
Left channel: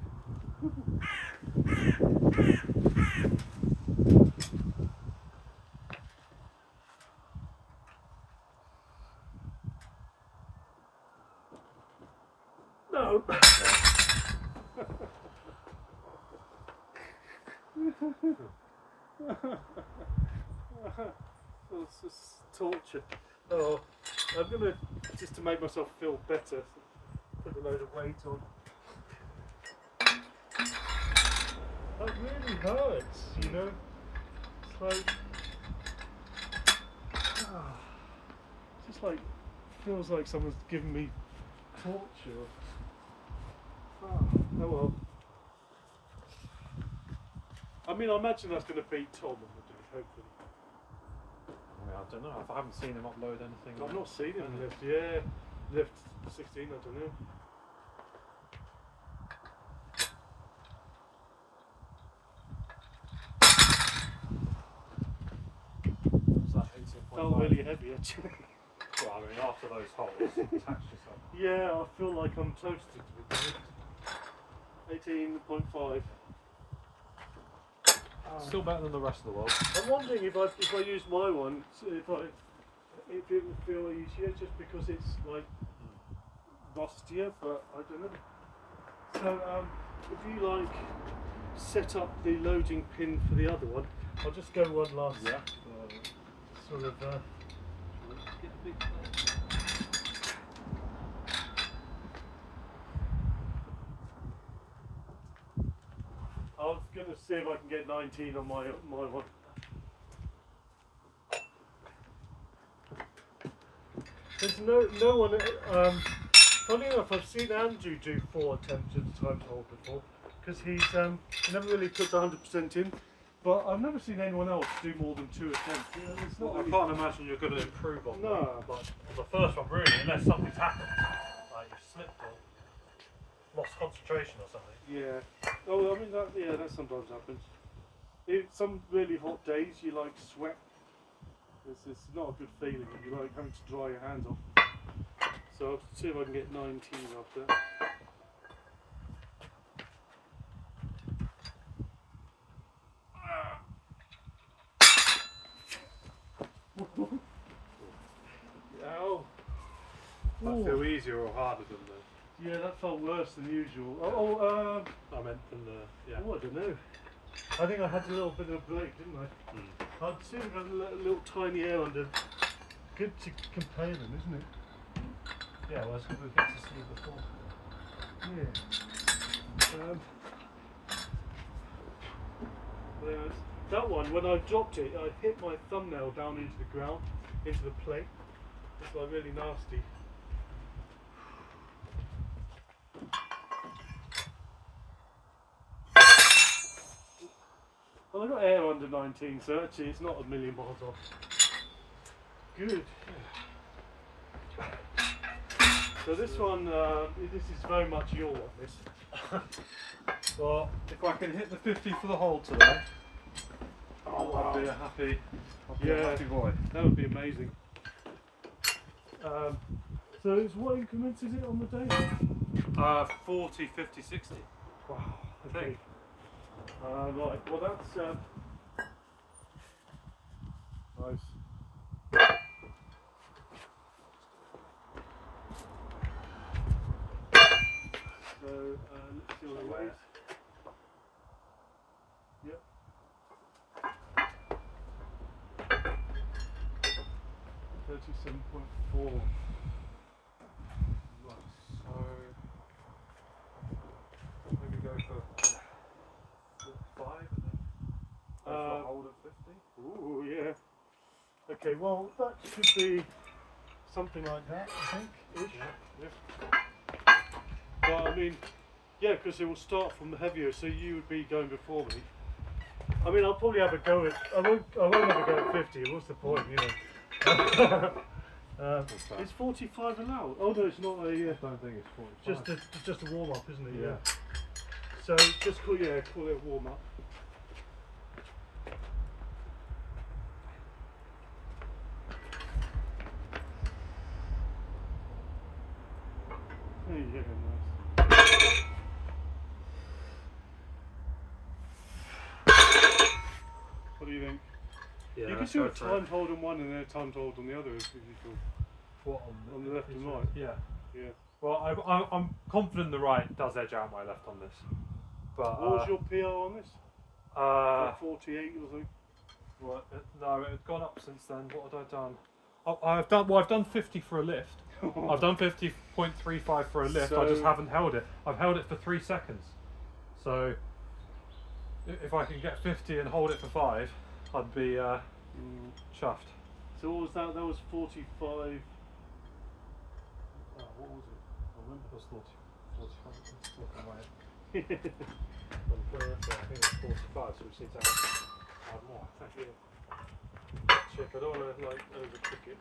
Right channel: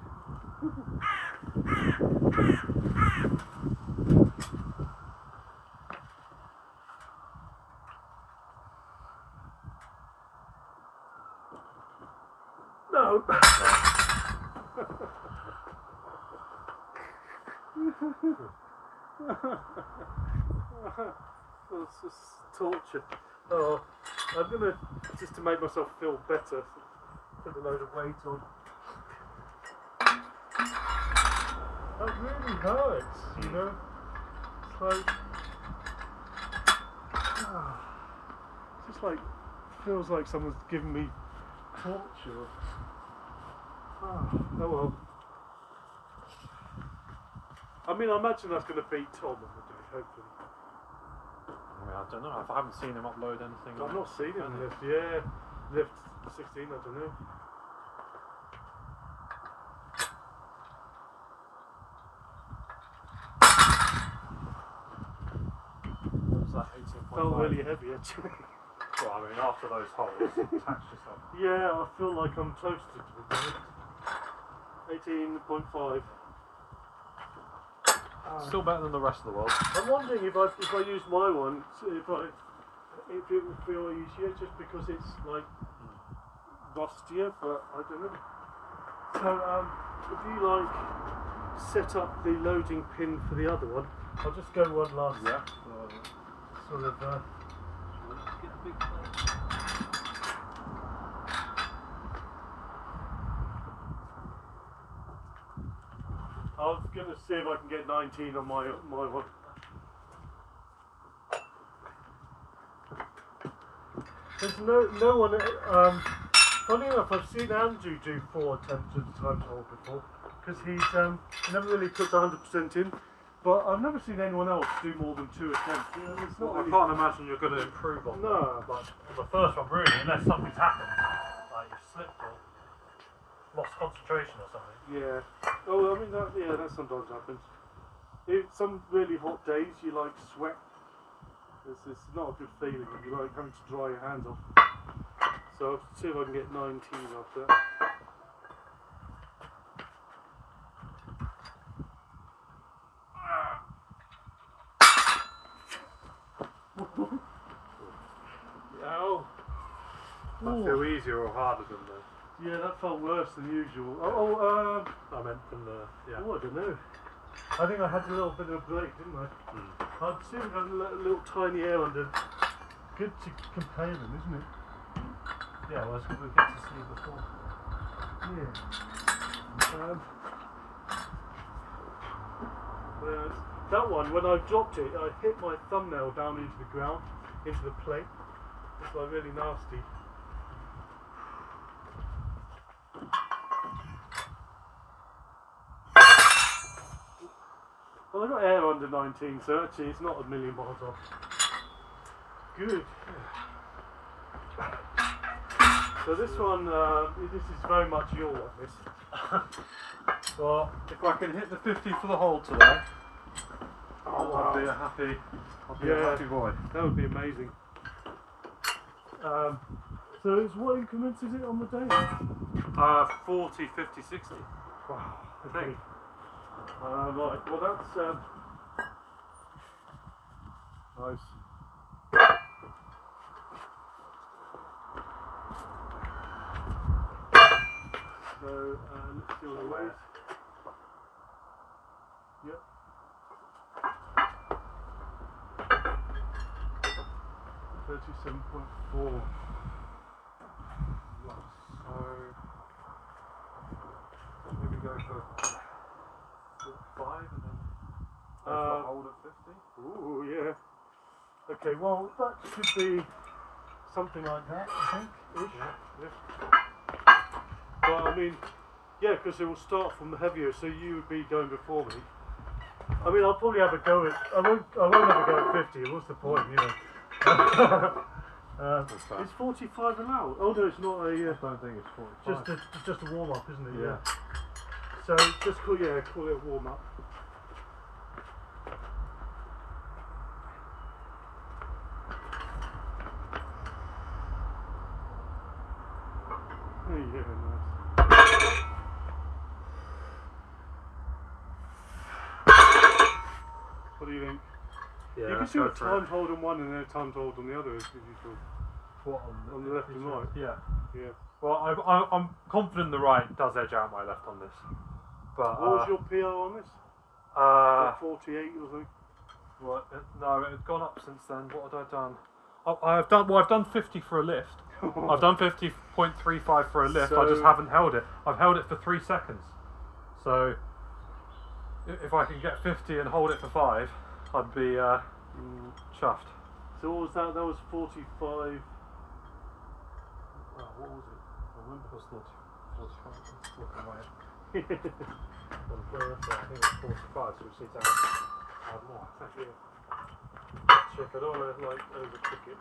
No. It's just torture. Oh, I'm gonna just to make myself feel better. Put a load of weight on. That really hurts, you know. It's like, it's just like feels like someone's giving me torture. Oh well. I mean, I imagine that's going to beat Tom on the day, hopefully. I don't know. I haven't seen him upload anything. I've not seen him lift. Yeah, lift 16. I don't know. What's that? 18.5. Felt really heavy actually. Well, I mean, after those holes, attach yourself. Yeah, I feel like I'm toasted to be honest. 18.5. Still better than the rest of the world. I'm wondering if I use my one, if it will feel easier just because it's like rustier, but I don't know. So if you like set up the loading pin for the other one, I'll just go one last sort of I was going to see if I can get 19 on my one. There's no one. Funny enough, I've seen Andrew do 4 attempts at the time hold before, because he's never really puts 100% in. But I've never seen anyone else do more than 2 attempts. It's not. I can't imagine you're going to improve on no. Like on the first one, really, unless something's happened, like you slipped or lost concentration or something. Yeah. Oh, I mean that sometimes happens. Some really hot days, you like sweat. It's not a good feeling. You like having to dry your hands off. So I'll see if I can get 19 after that. Ow. That feel easier or harder than the? Yeah, that felt worse than usual. I meant than the. Yeah. Oh, I don't know. I think I had a little bit of a break, didn't I? I'd see if I got a little tiny air under. Good to compare them, isn't it? Yeah, well, that's what we've got to see before. Yeah. That one, when I dropped it, I hit my thumbnail down into the ground, into the plate. It's like really nasty. Well, I got air under 19, so actually it's not a million miles off. Good. So this one, this is very much your one, this. Well, if I can hit the 50 for the hole today, I'll be a happy boy. That would be amazing. So it's what increments is it on the day? 40, 50, 60. Wow. I think. Right, well that's nice. So let's see what it weighs. Yep. $37.4. So maybe go for 5 and then hold at 50. Ooh, yeah. Okay, well that should be something like that, I think. Ish. Yeah. But I mean, yeah, because it will start from the heavier, so you would be going before me. I mean, I'll probably have a go at. I won't have a go at 50. What's the point, you know? Is 45 allowed? Oh no, it's not a. I don't think it's 45. Just a warm up, isn't it? Yeah. So just call it a warm up. Oh, yeah, nice. What do you think? Yeah, You can do a timed hold on one and then a timed hold on the other if you can. What, On the left and right? Yeah. Yeah. Well, I'm confident the right does edge out my left on this. But What was your PR on this? 48 or something? Right, no, it had gone up since then. What had I done? I've done 50 for a lift. I've done 50.35 for a lift. I just haven't held it. I've held it for 3 seconds. So if I can get 50 and hold it for 5, I'd be chuffed. So what was that? That was 45. What was it? I remember it was 45. Let's look away. I think it was 45, so we just need to add more. Check, I don't want to like overcook it.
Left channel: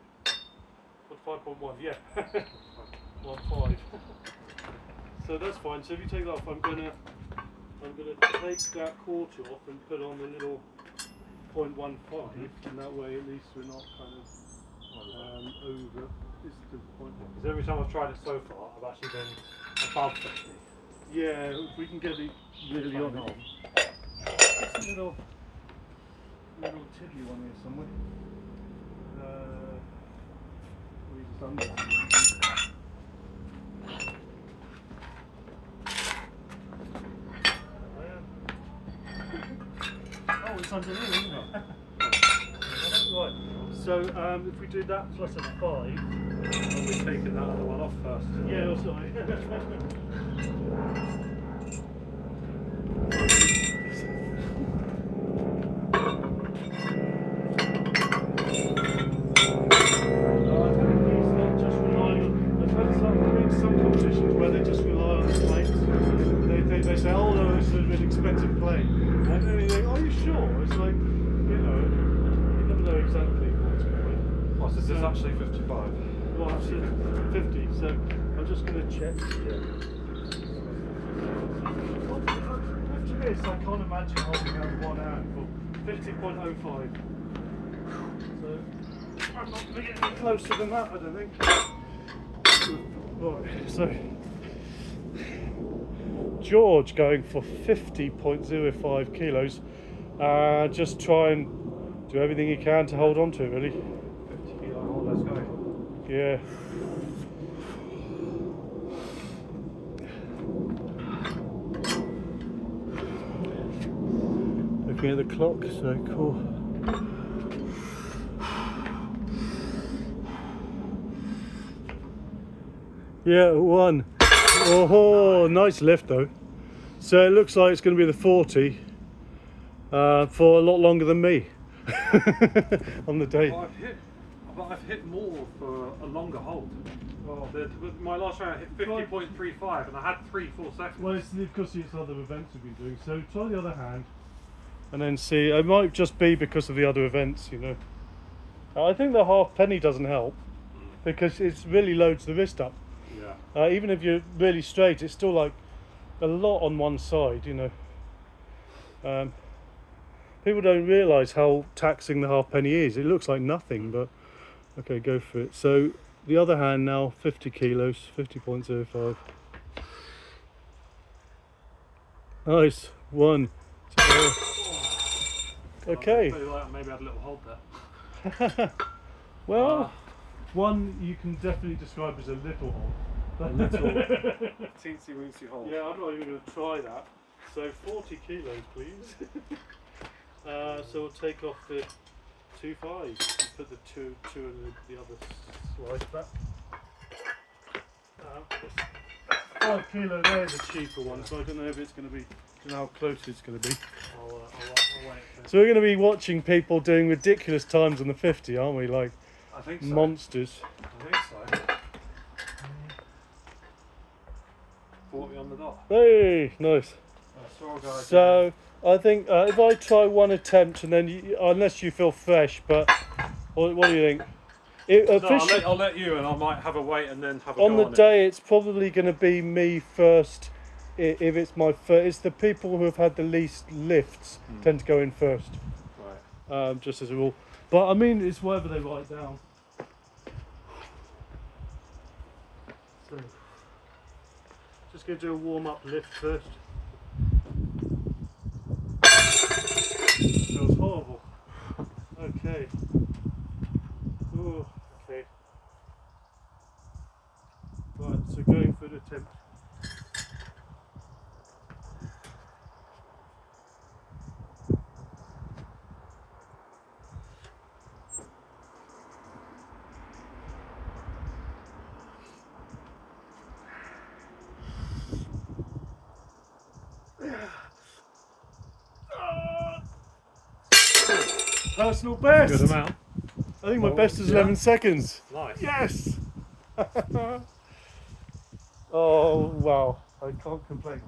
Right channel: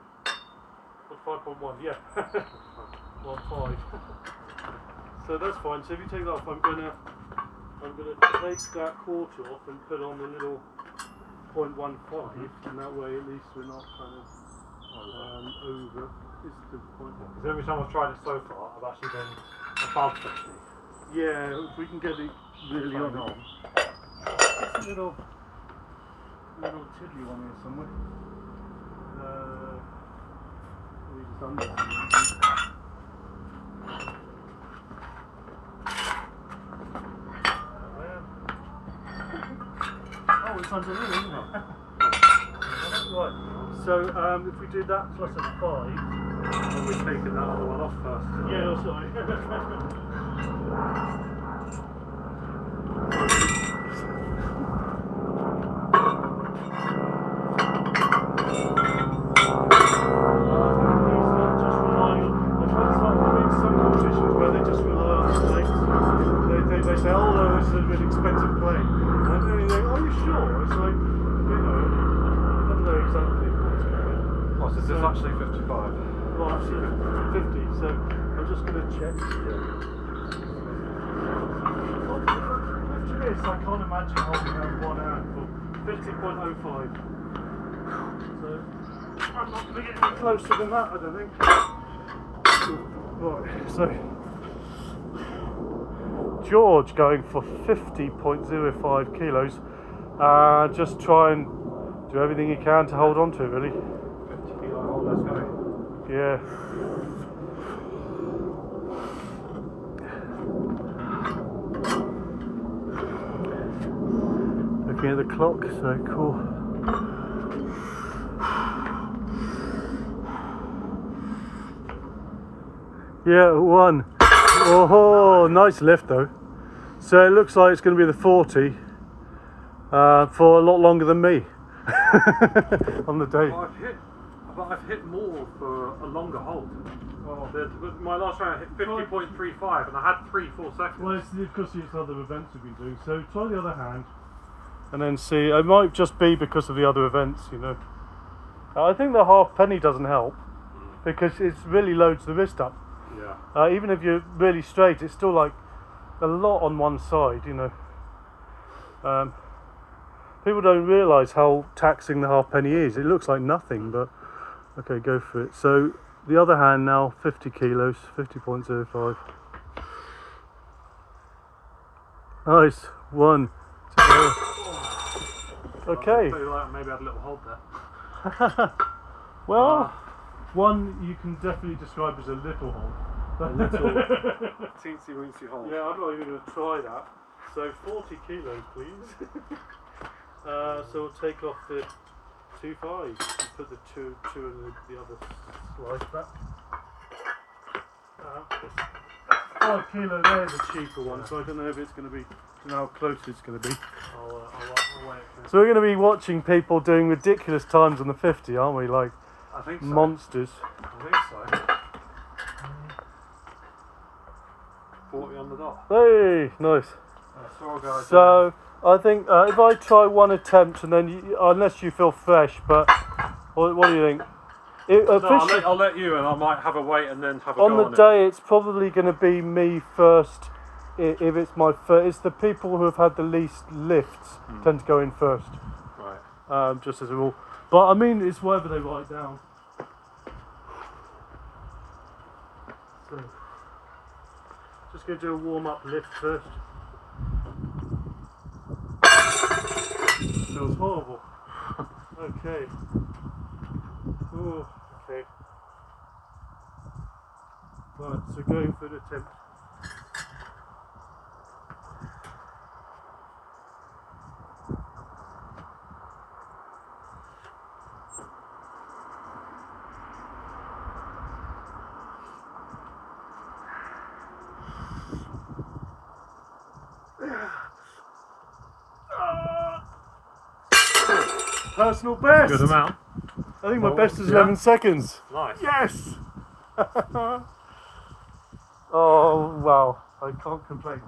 What, 5.1? Yeah. 1.5. So that's fine. So if you take that off, I'm gonna take that quarter off and put on the little 0.15, and that way at least we're not kind of over. Is the point? Because every time I've tried it so far, I've actually been above 50. Yeah, if we can get it really on. It's a little tiddly one here somewhere. We just under. Oh, it's under here, isn't it? Right. So if we do that plus a 5, We're taking that other one off first. yeah, oh, sorry. They say, oh no, it's an expensive plane. And then you think, oh, you sure? It's like, you know, you never know exactly what's going on. Oh, so this is actually 55. Well, it's 50, so I'm just going to check. 50 minutes, I can't imagine holding out one hand for 50.05. So, I'm not going to get any closer than that, I don't think. Right, so George going for 50.05 kilos. Just try and do everything you can to hold on to it, really. 50 kilo hold, let's go. Yeah. Looking at the clock, so cool. Yeah, 1. Oh, nice lift though. So it looks like it's going to be the 40 for a lot longer than me on the day. Well, I've hit more for a longer hold. Oh, my last round I hit 50.35 and I had 3-4 seconds. Well, it's because it's other events we've been doing. So try the other hand and then see. It might just be because of the other events, you know. I think the half penny doesn't help because it really loads the wrist up. Yeah. Even if you're really straight, it's still like a lot on one side, you know. People don't realise how taxing the half penny is. It looks like nothing, but okay, go for it. So the other hand now, 50 kilos, 50.05. Nice. 1, Okay. Maybe I had a little hold there. Well, one you can definitely describe as a little hole. A little teensy weensy hole. Yeah, I'm not even going to try that. So 40 kilos, please. So we'll take off the 2 5s and put the two in the other slice back. 5 kilo there is a cheaper one, so I don't know if it's going to be, I don't know how close it's going to be. I'll wait. So we're going to be watching people doing ridiculous times on the 50, aren't we? Like I think so. monsters. I think so. 40 on the dot. Hey, nice. So I think if I try one attempt and then unless you feel fresh, but what do you think? I'll let you, and I might have a wait and then have a on go the day. It's probably going to be me first. If it's my first, it's the people who have had the least lifts tend to go in first. Right. Just as a rule, but I mean it's whatever they write down. So, just going to do a warm-up lift first. Feels horrible. Okay. Ooh, okay. Right, so going for the attempt. Personal best. Good amount. I think my best is 11 seconds. Nice. Yes. Oh wow! I can't complain.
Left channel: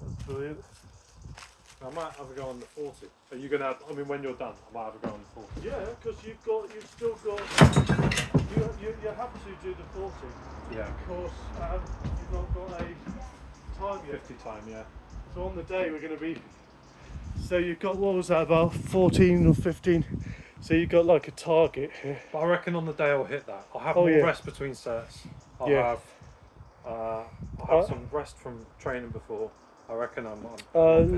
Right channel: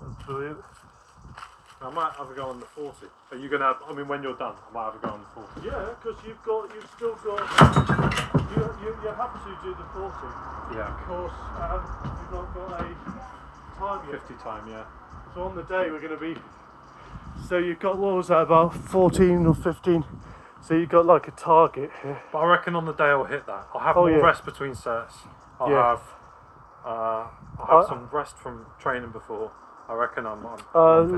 That's brilliant. I might have a go on the 40. Are you gonna? I mean, when you're done, I might have a go on the 40. Yeah, because you've still got. You have to do the 40. Yeah. Of course, you've not got a time yet. 50 time, yeah. So on the day we're going to be. So you've got, what was that, about 14 or 15? So you've got like a target here. But I reckon on the day I'll hit that. I'll have more rest between sets. I'll have some rest from training before. I reckon I'm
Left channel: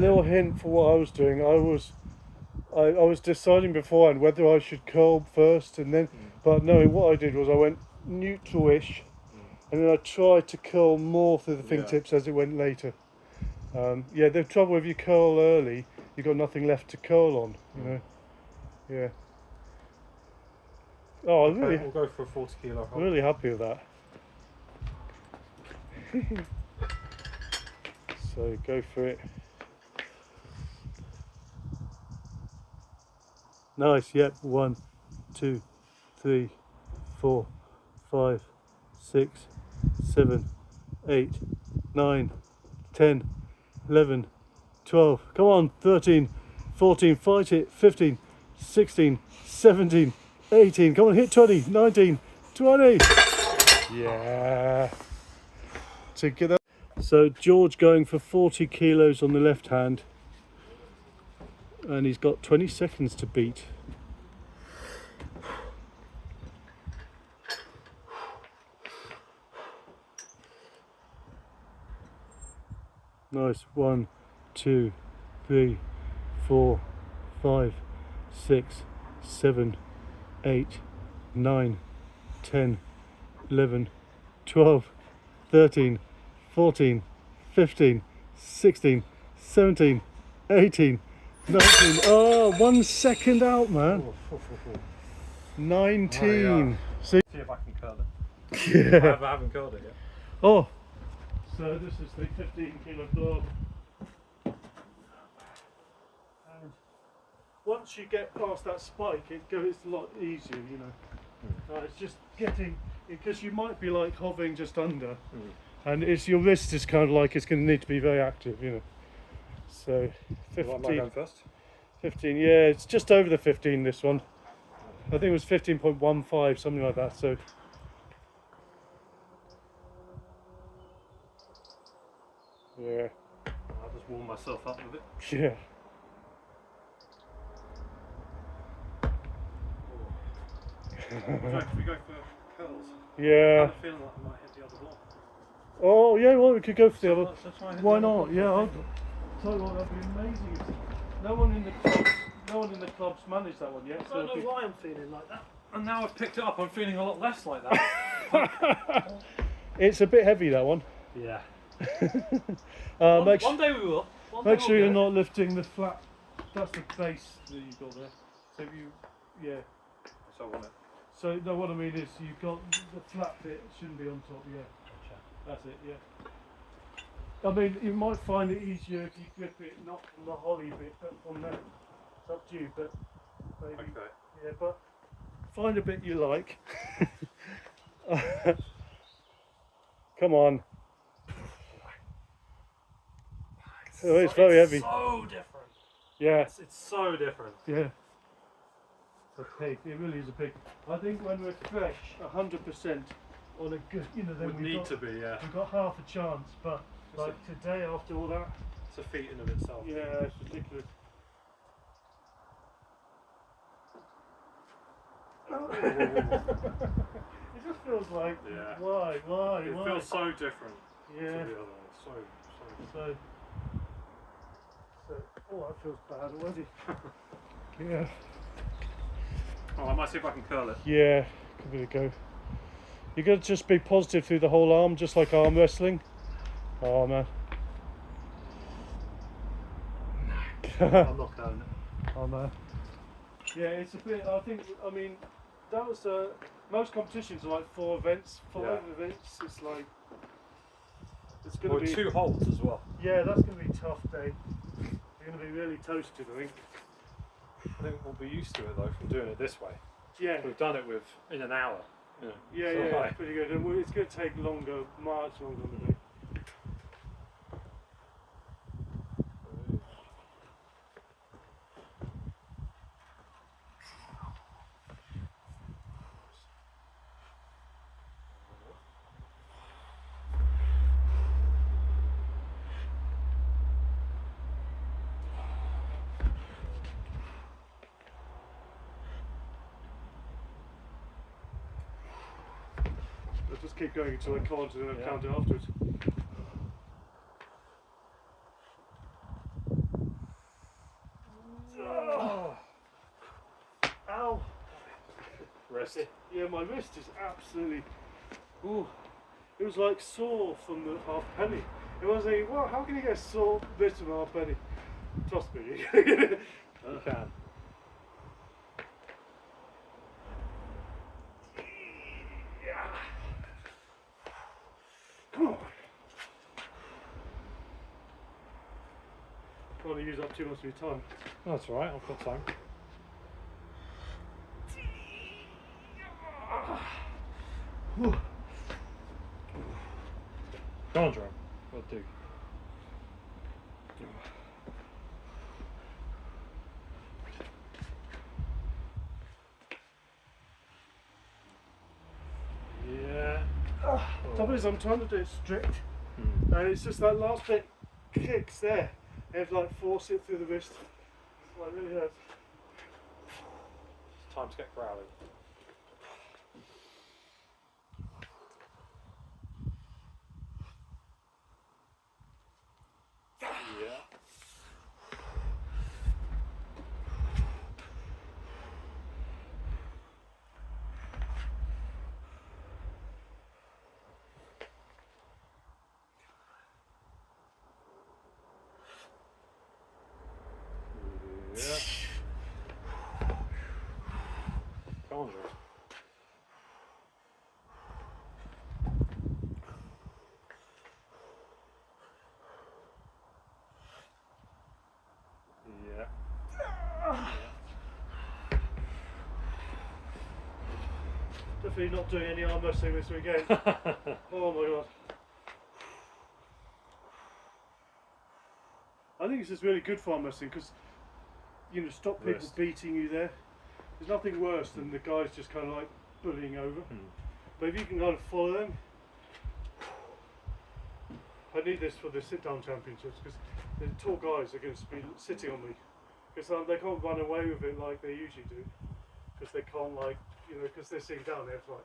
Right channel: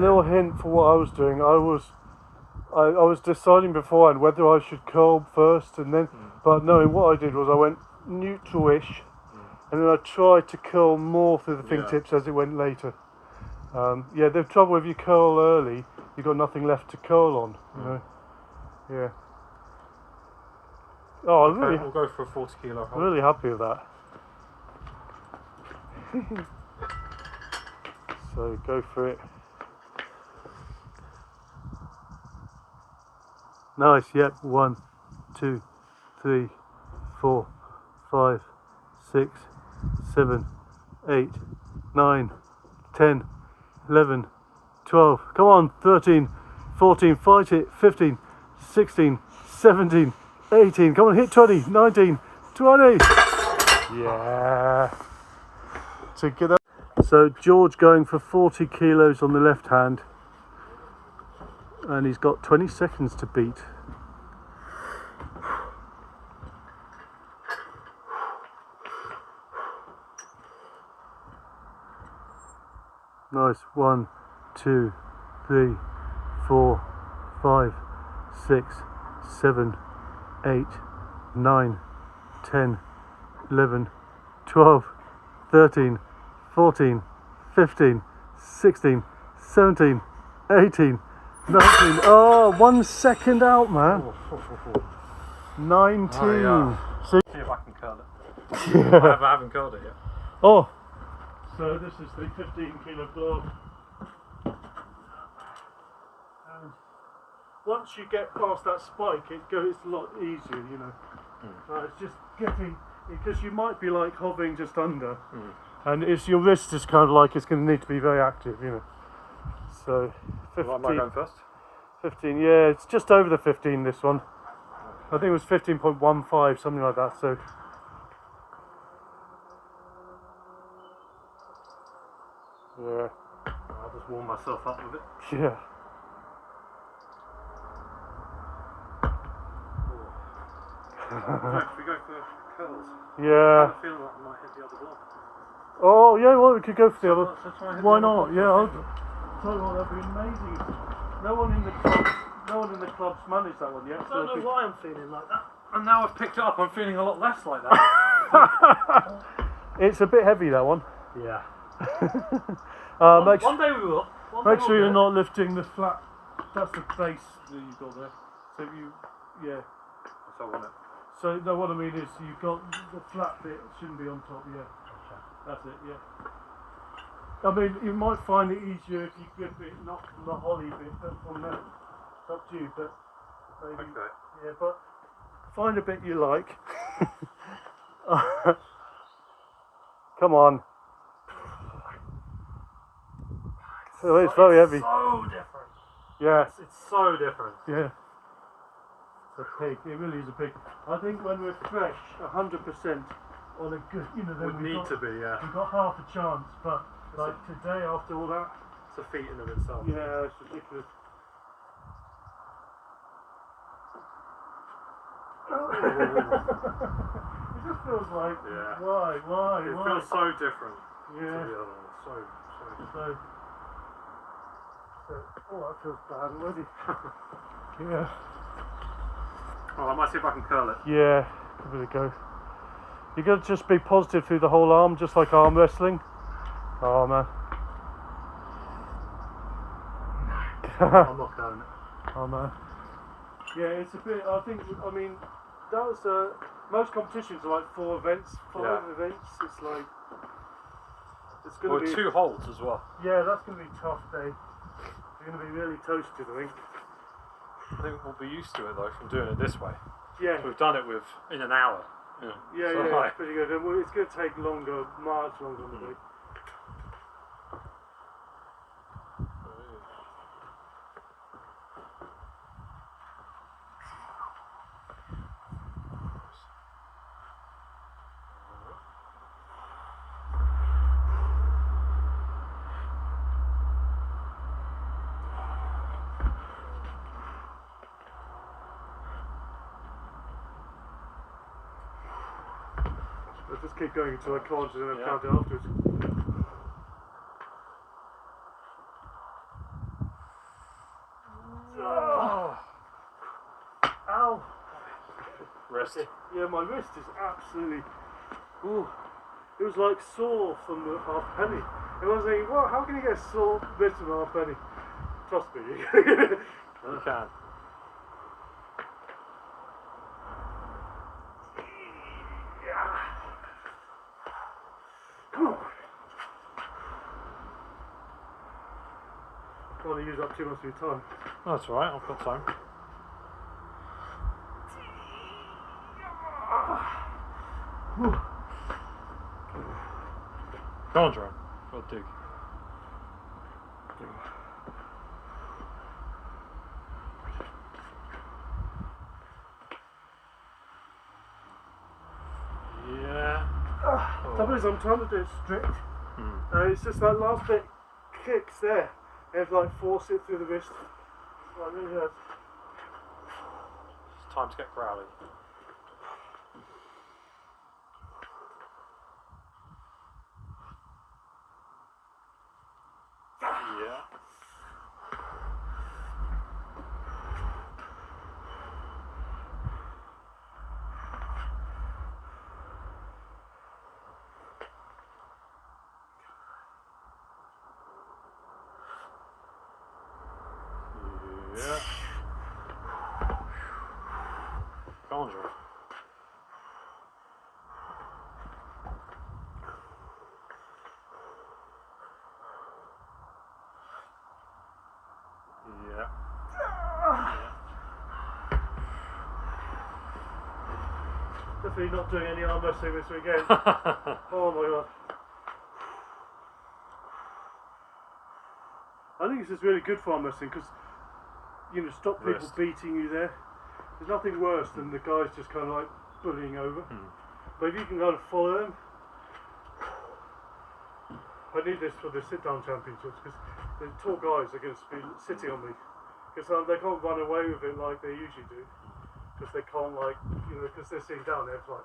little hint for what I was doing. I was deciding beforehand whether I should curl first and then, but no, what I did was I went neutral-ish and then I tried to curl more through the fingertips as it went later. The trouble if you curl early, you've got nothing left to curl on, you know. Yeah. Oh, okay, really? We'll go for a 40 kilo hold. Really happy with that. So go for it. Nice. Yep. 1, 2, 3, 4, 5, 6, 7, 8, 9, 10, 11, 12. Come on. 13, 14. Fight it. 15, 16, 17, 18. Come on. Hit 20. 19, 20. Yeah. Together. So George going for 40 kilos on the left hand, and he's got 20 seconds to beat. Nice. 1, 2, 3, 4, 5, 6, 7, 8, 9, 10, 11, 12, 13, 14, 15, 16, 17, 18, 19. Oh, 1 second out, man. 19. See if I can curl it. Yeah. I haven't curled it yet. Oh. So this is the 15 kilo block. And once you get past that spike, it goes a lot easier, you know. It's just getting, because you might be like hovering just under. And it's your wrist is kind of like it's going to need to be very active, you know. So 15. Am I going first? 15, yeah, it's just over the 15. This one, I think it was 15.15, something like that. So yeah, I'll just warm myself up with it. yeah. Should we go for curls? Yeah. I have a feeling like I might hit the other block. Oh yeah, well we could go for the other. So try and hit Why the other not? block. Yeah. tell you what, that'd be amazing. No one in the club's managed that one yet. I don't know why I'm feeling like that. And now I've picked it up, I'm feeling a lot less like that. It's a bit heavy, that one. Yeah. One day we will. Make sure you're not lifting the flat. That's the base that you've got there. So yeah. So I want it. So no, what I mean is you've got the flat bit shouldn't be on top. Yeah. That's it. Yeah. I mean, you might find it easier if you grip it not from the holly bit, but from there. It's up to you, but maybe. Okay. Yeah, but find a bit you like. Come on. So it's very heavy. So different. Yeah. It's so different. Yeah. It's a pig. It really is a pig. I think when we're fresh, 100% on a good, then Would need to be, yeah. We've got half a chance, but like today, after all that, It's a feat in of itself. yeah, it's ridiculous. It just feels like, Yeah. why? It feels so different Yeah. to the other one. So different. Oh, that feels bad already. Yeah. Oh, I might see if I can curl it. Yeah, give it a go. You got to just be positive through the whole arm, just like arm wrestling. Oh man. I'm not curling it. Oh man. Yeah, it's a bit. I mean, that was most competitions are like 4 events, 5 events. It's like it's going to be 2 holds as well. Yeah, that's going to be a tough day. You're going to be really toasted, I think. I think we'll be used to it though from doing it this way. Yeah. So we've done it in an hour. Yeah, so yeah, it's pretty good. And it's going to take longer, much longer than we do. I'll just keep going until I can't and then I'll count it afterwards. Oh. Ow! Wrist. Yeah, my wrist is absolutely. Ooh. It was like sore from the half penny. And I was thinking, well, how can you get a sore wrist from a half penny? Trust me. You can. Come on. Don't want to use up too much of your time. That's alright, I've got time. Go on, Jerome. I'll do. Yeah. Trouble is, I'm trying to do it strict. It's just that last bit kicks there. You have to like force it through the wrist. Like, really hurts. It's time to get growling. Yeah. Yeah. Go on, George. Yeah. Definitely not doing any arm wrestling this weekend. Oh my god. I think it's just really good for arm wrestling because, stop people Wrist. beating you there. There's nothing worse than the guys just kind of like bullying over. But if you can kind of follow them. I need this for the sit-down championships because the tall guys are going to be sitting on me. Because they can't run away with it like they usually do. Because they can't because they're sitting down there, it's like.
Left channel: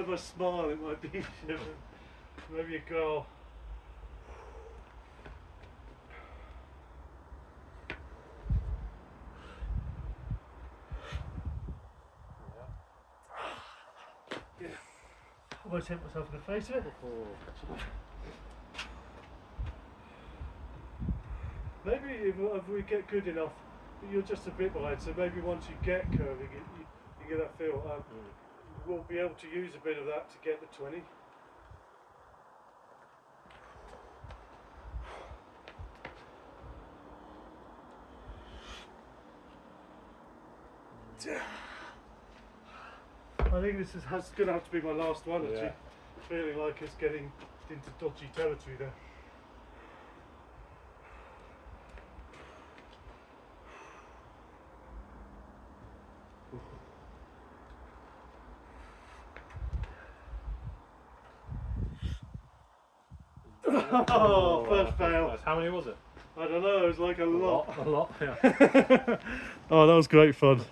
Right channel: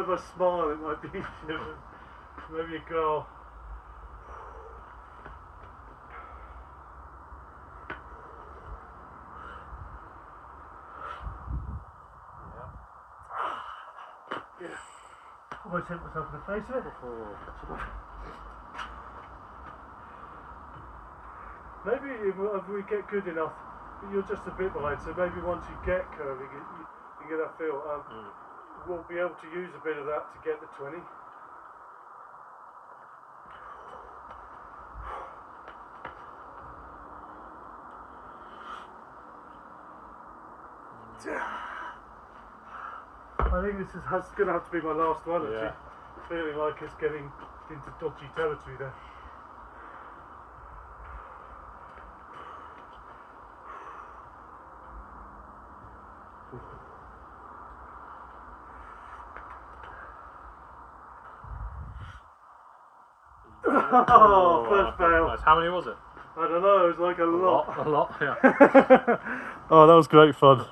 if I smile, it might be easier. Maybe a girl. Yeah. Almost hit myself in the face with it. Maybe if we get good enough, you're just a bit wide, so maybe once you get curving, you get that feel. We'll be able to use a bit of that to get the 20. I think this is going to have to be my last one, actually. Yeah. Feeling like it's getting into dodgy territory there. Oh, first fail. Nice. How many was it? I don't know, it was like a lot. A lot, yeah. Oh, that was great fun.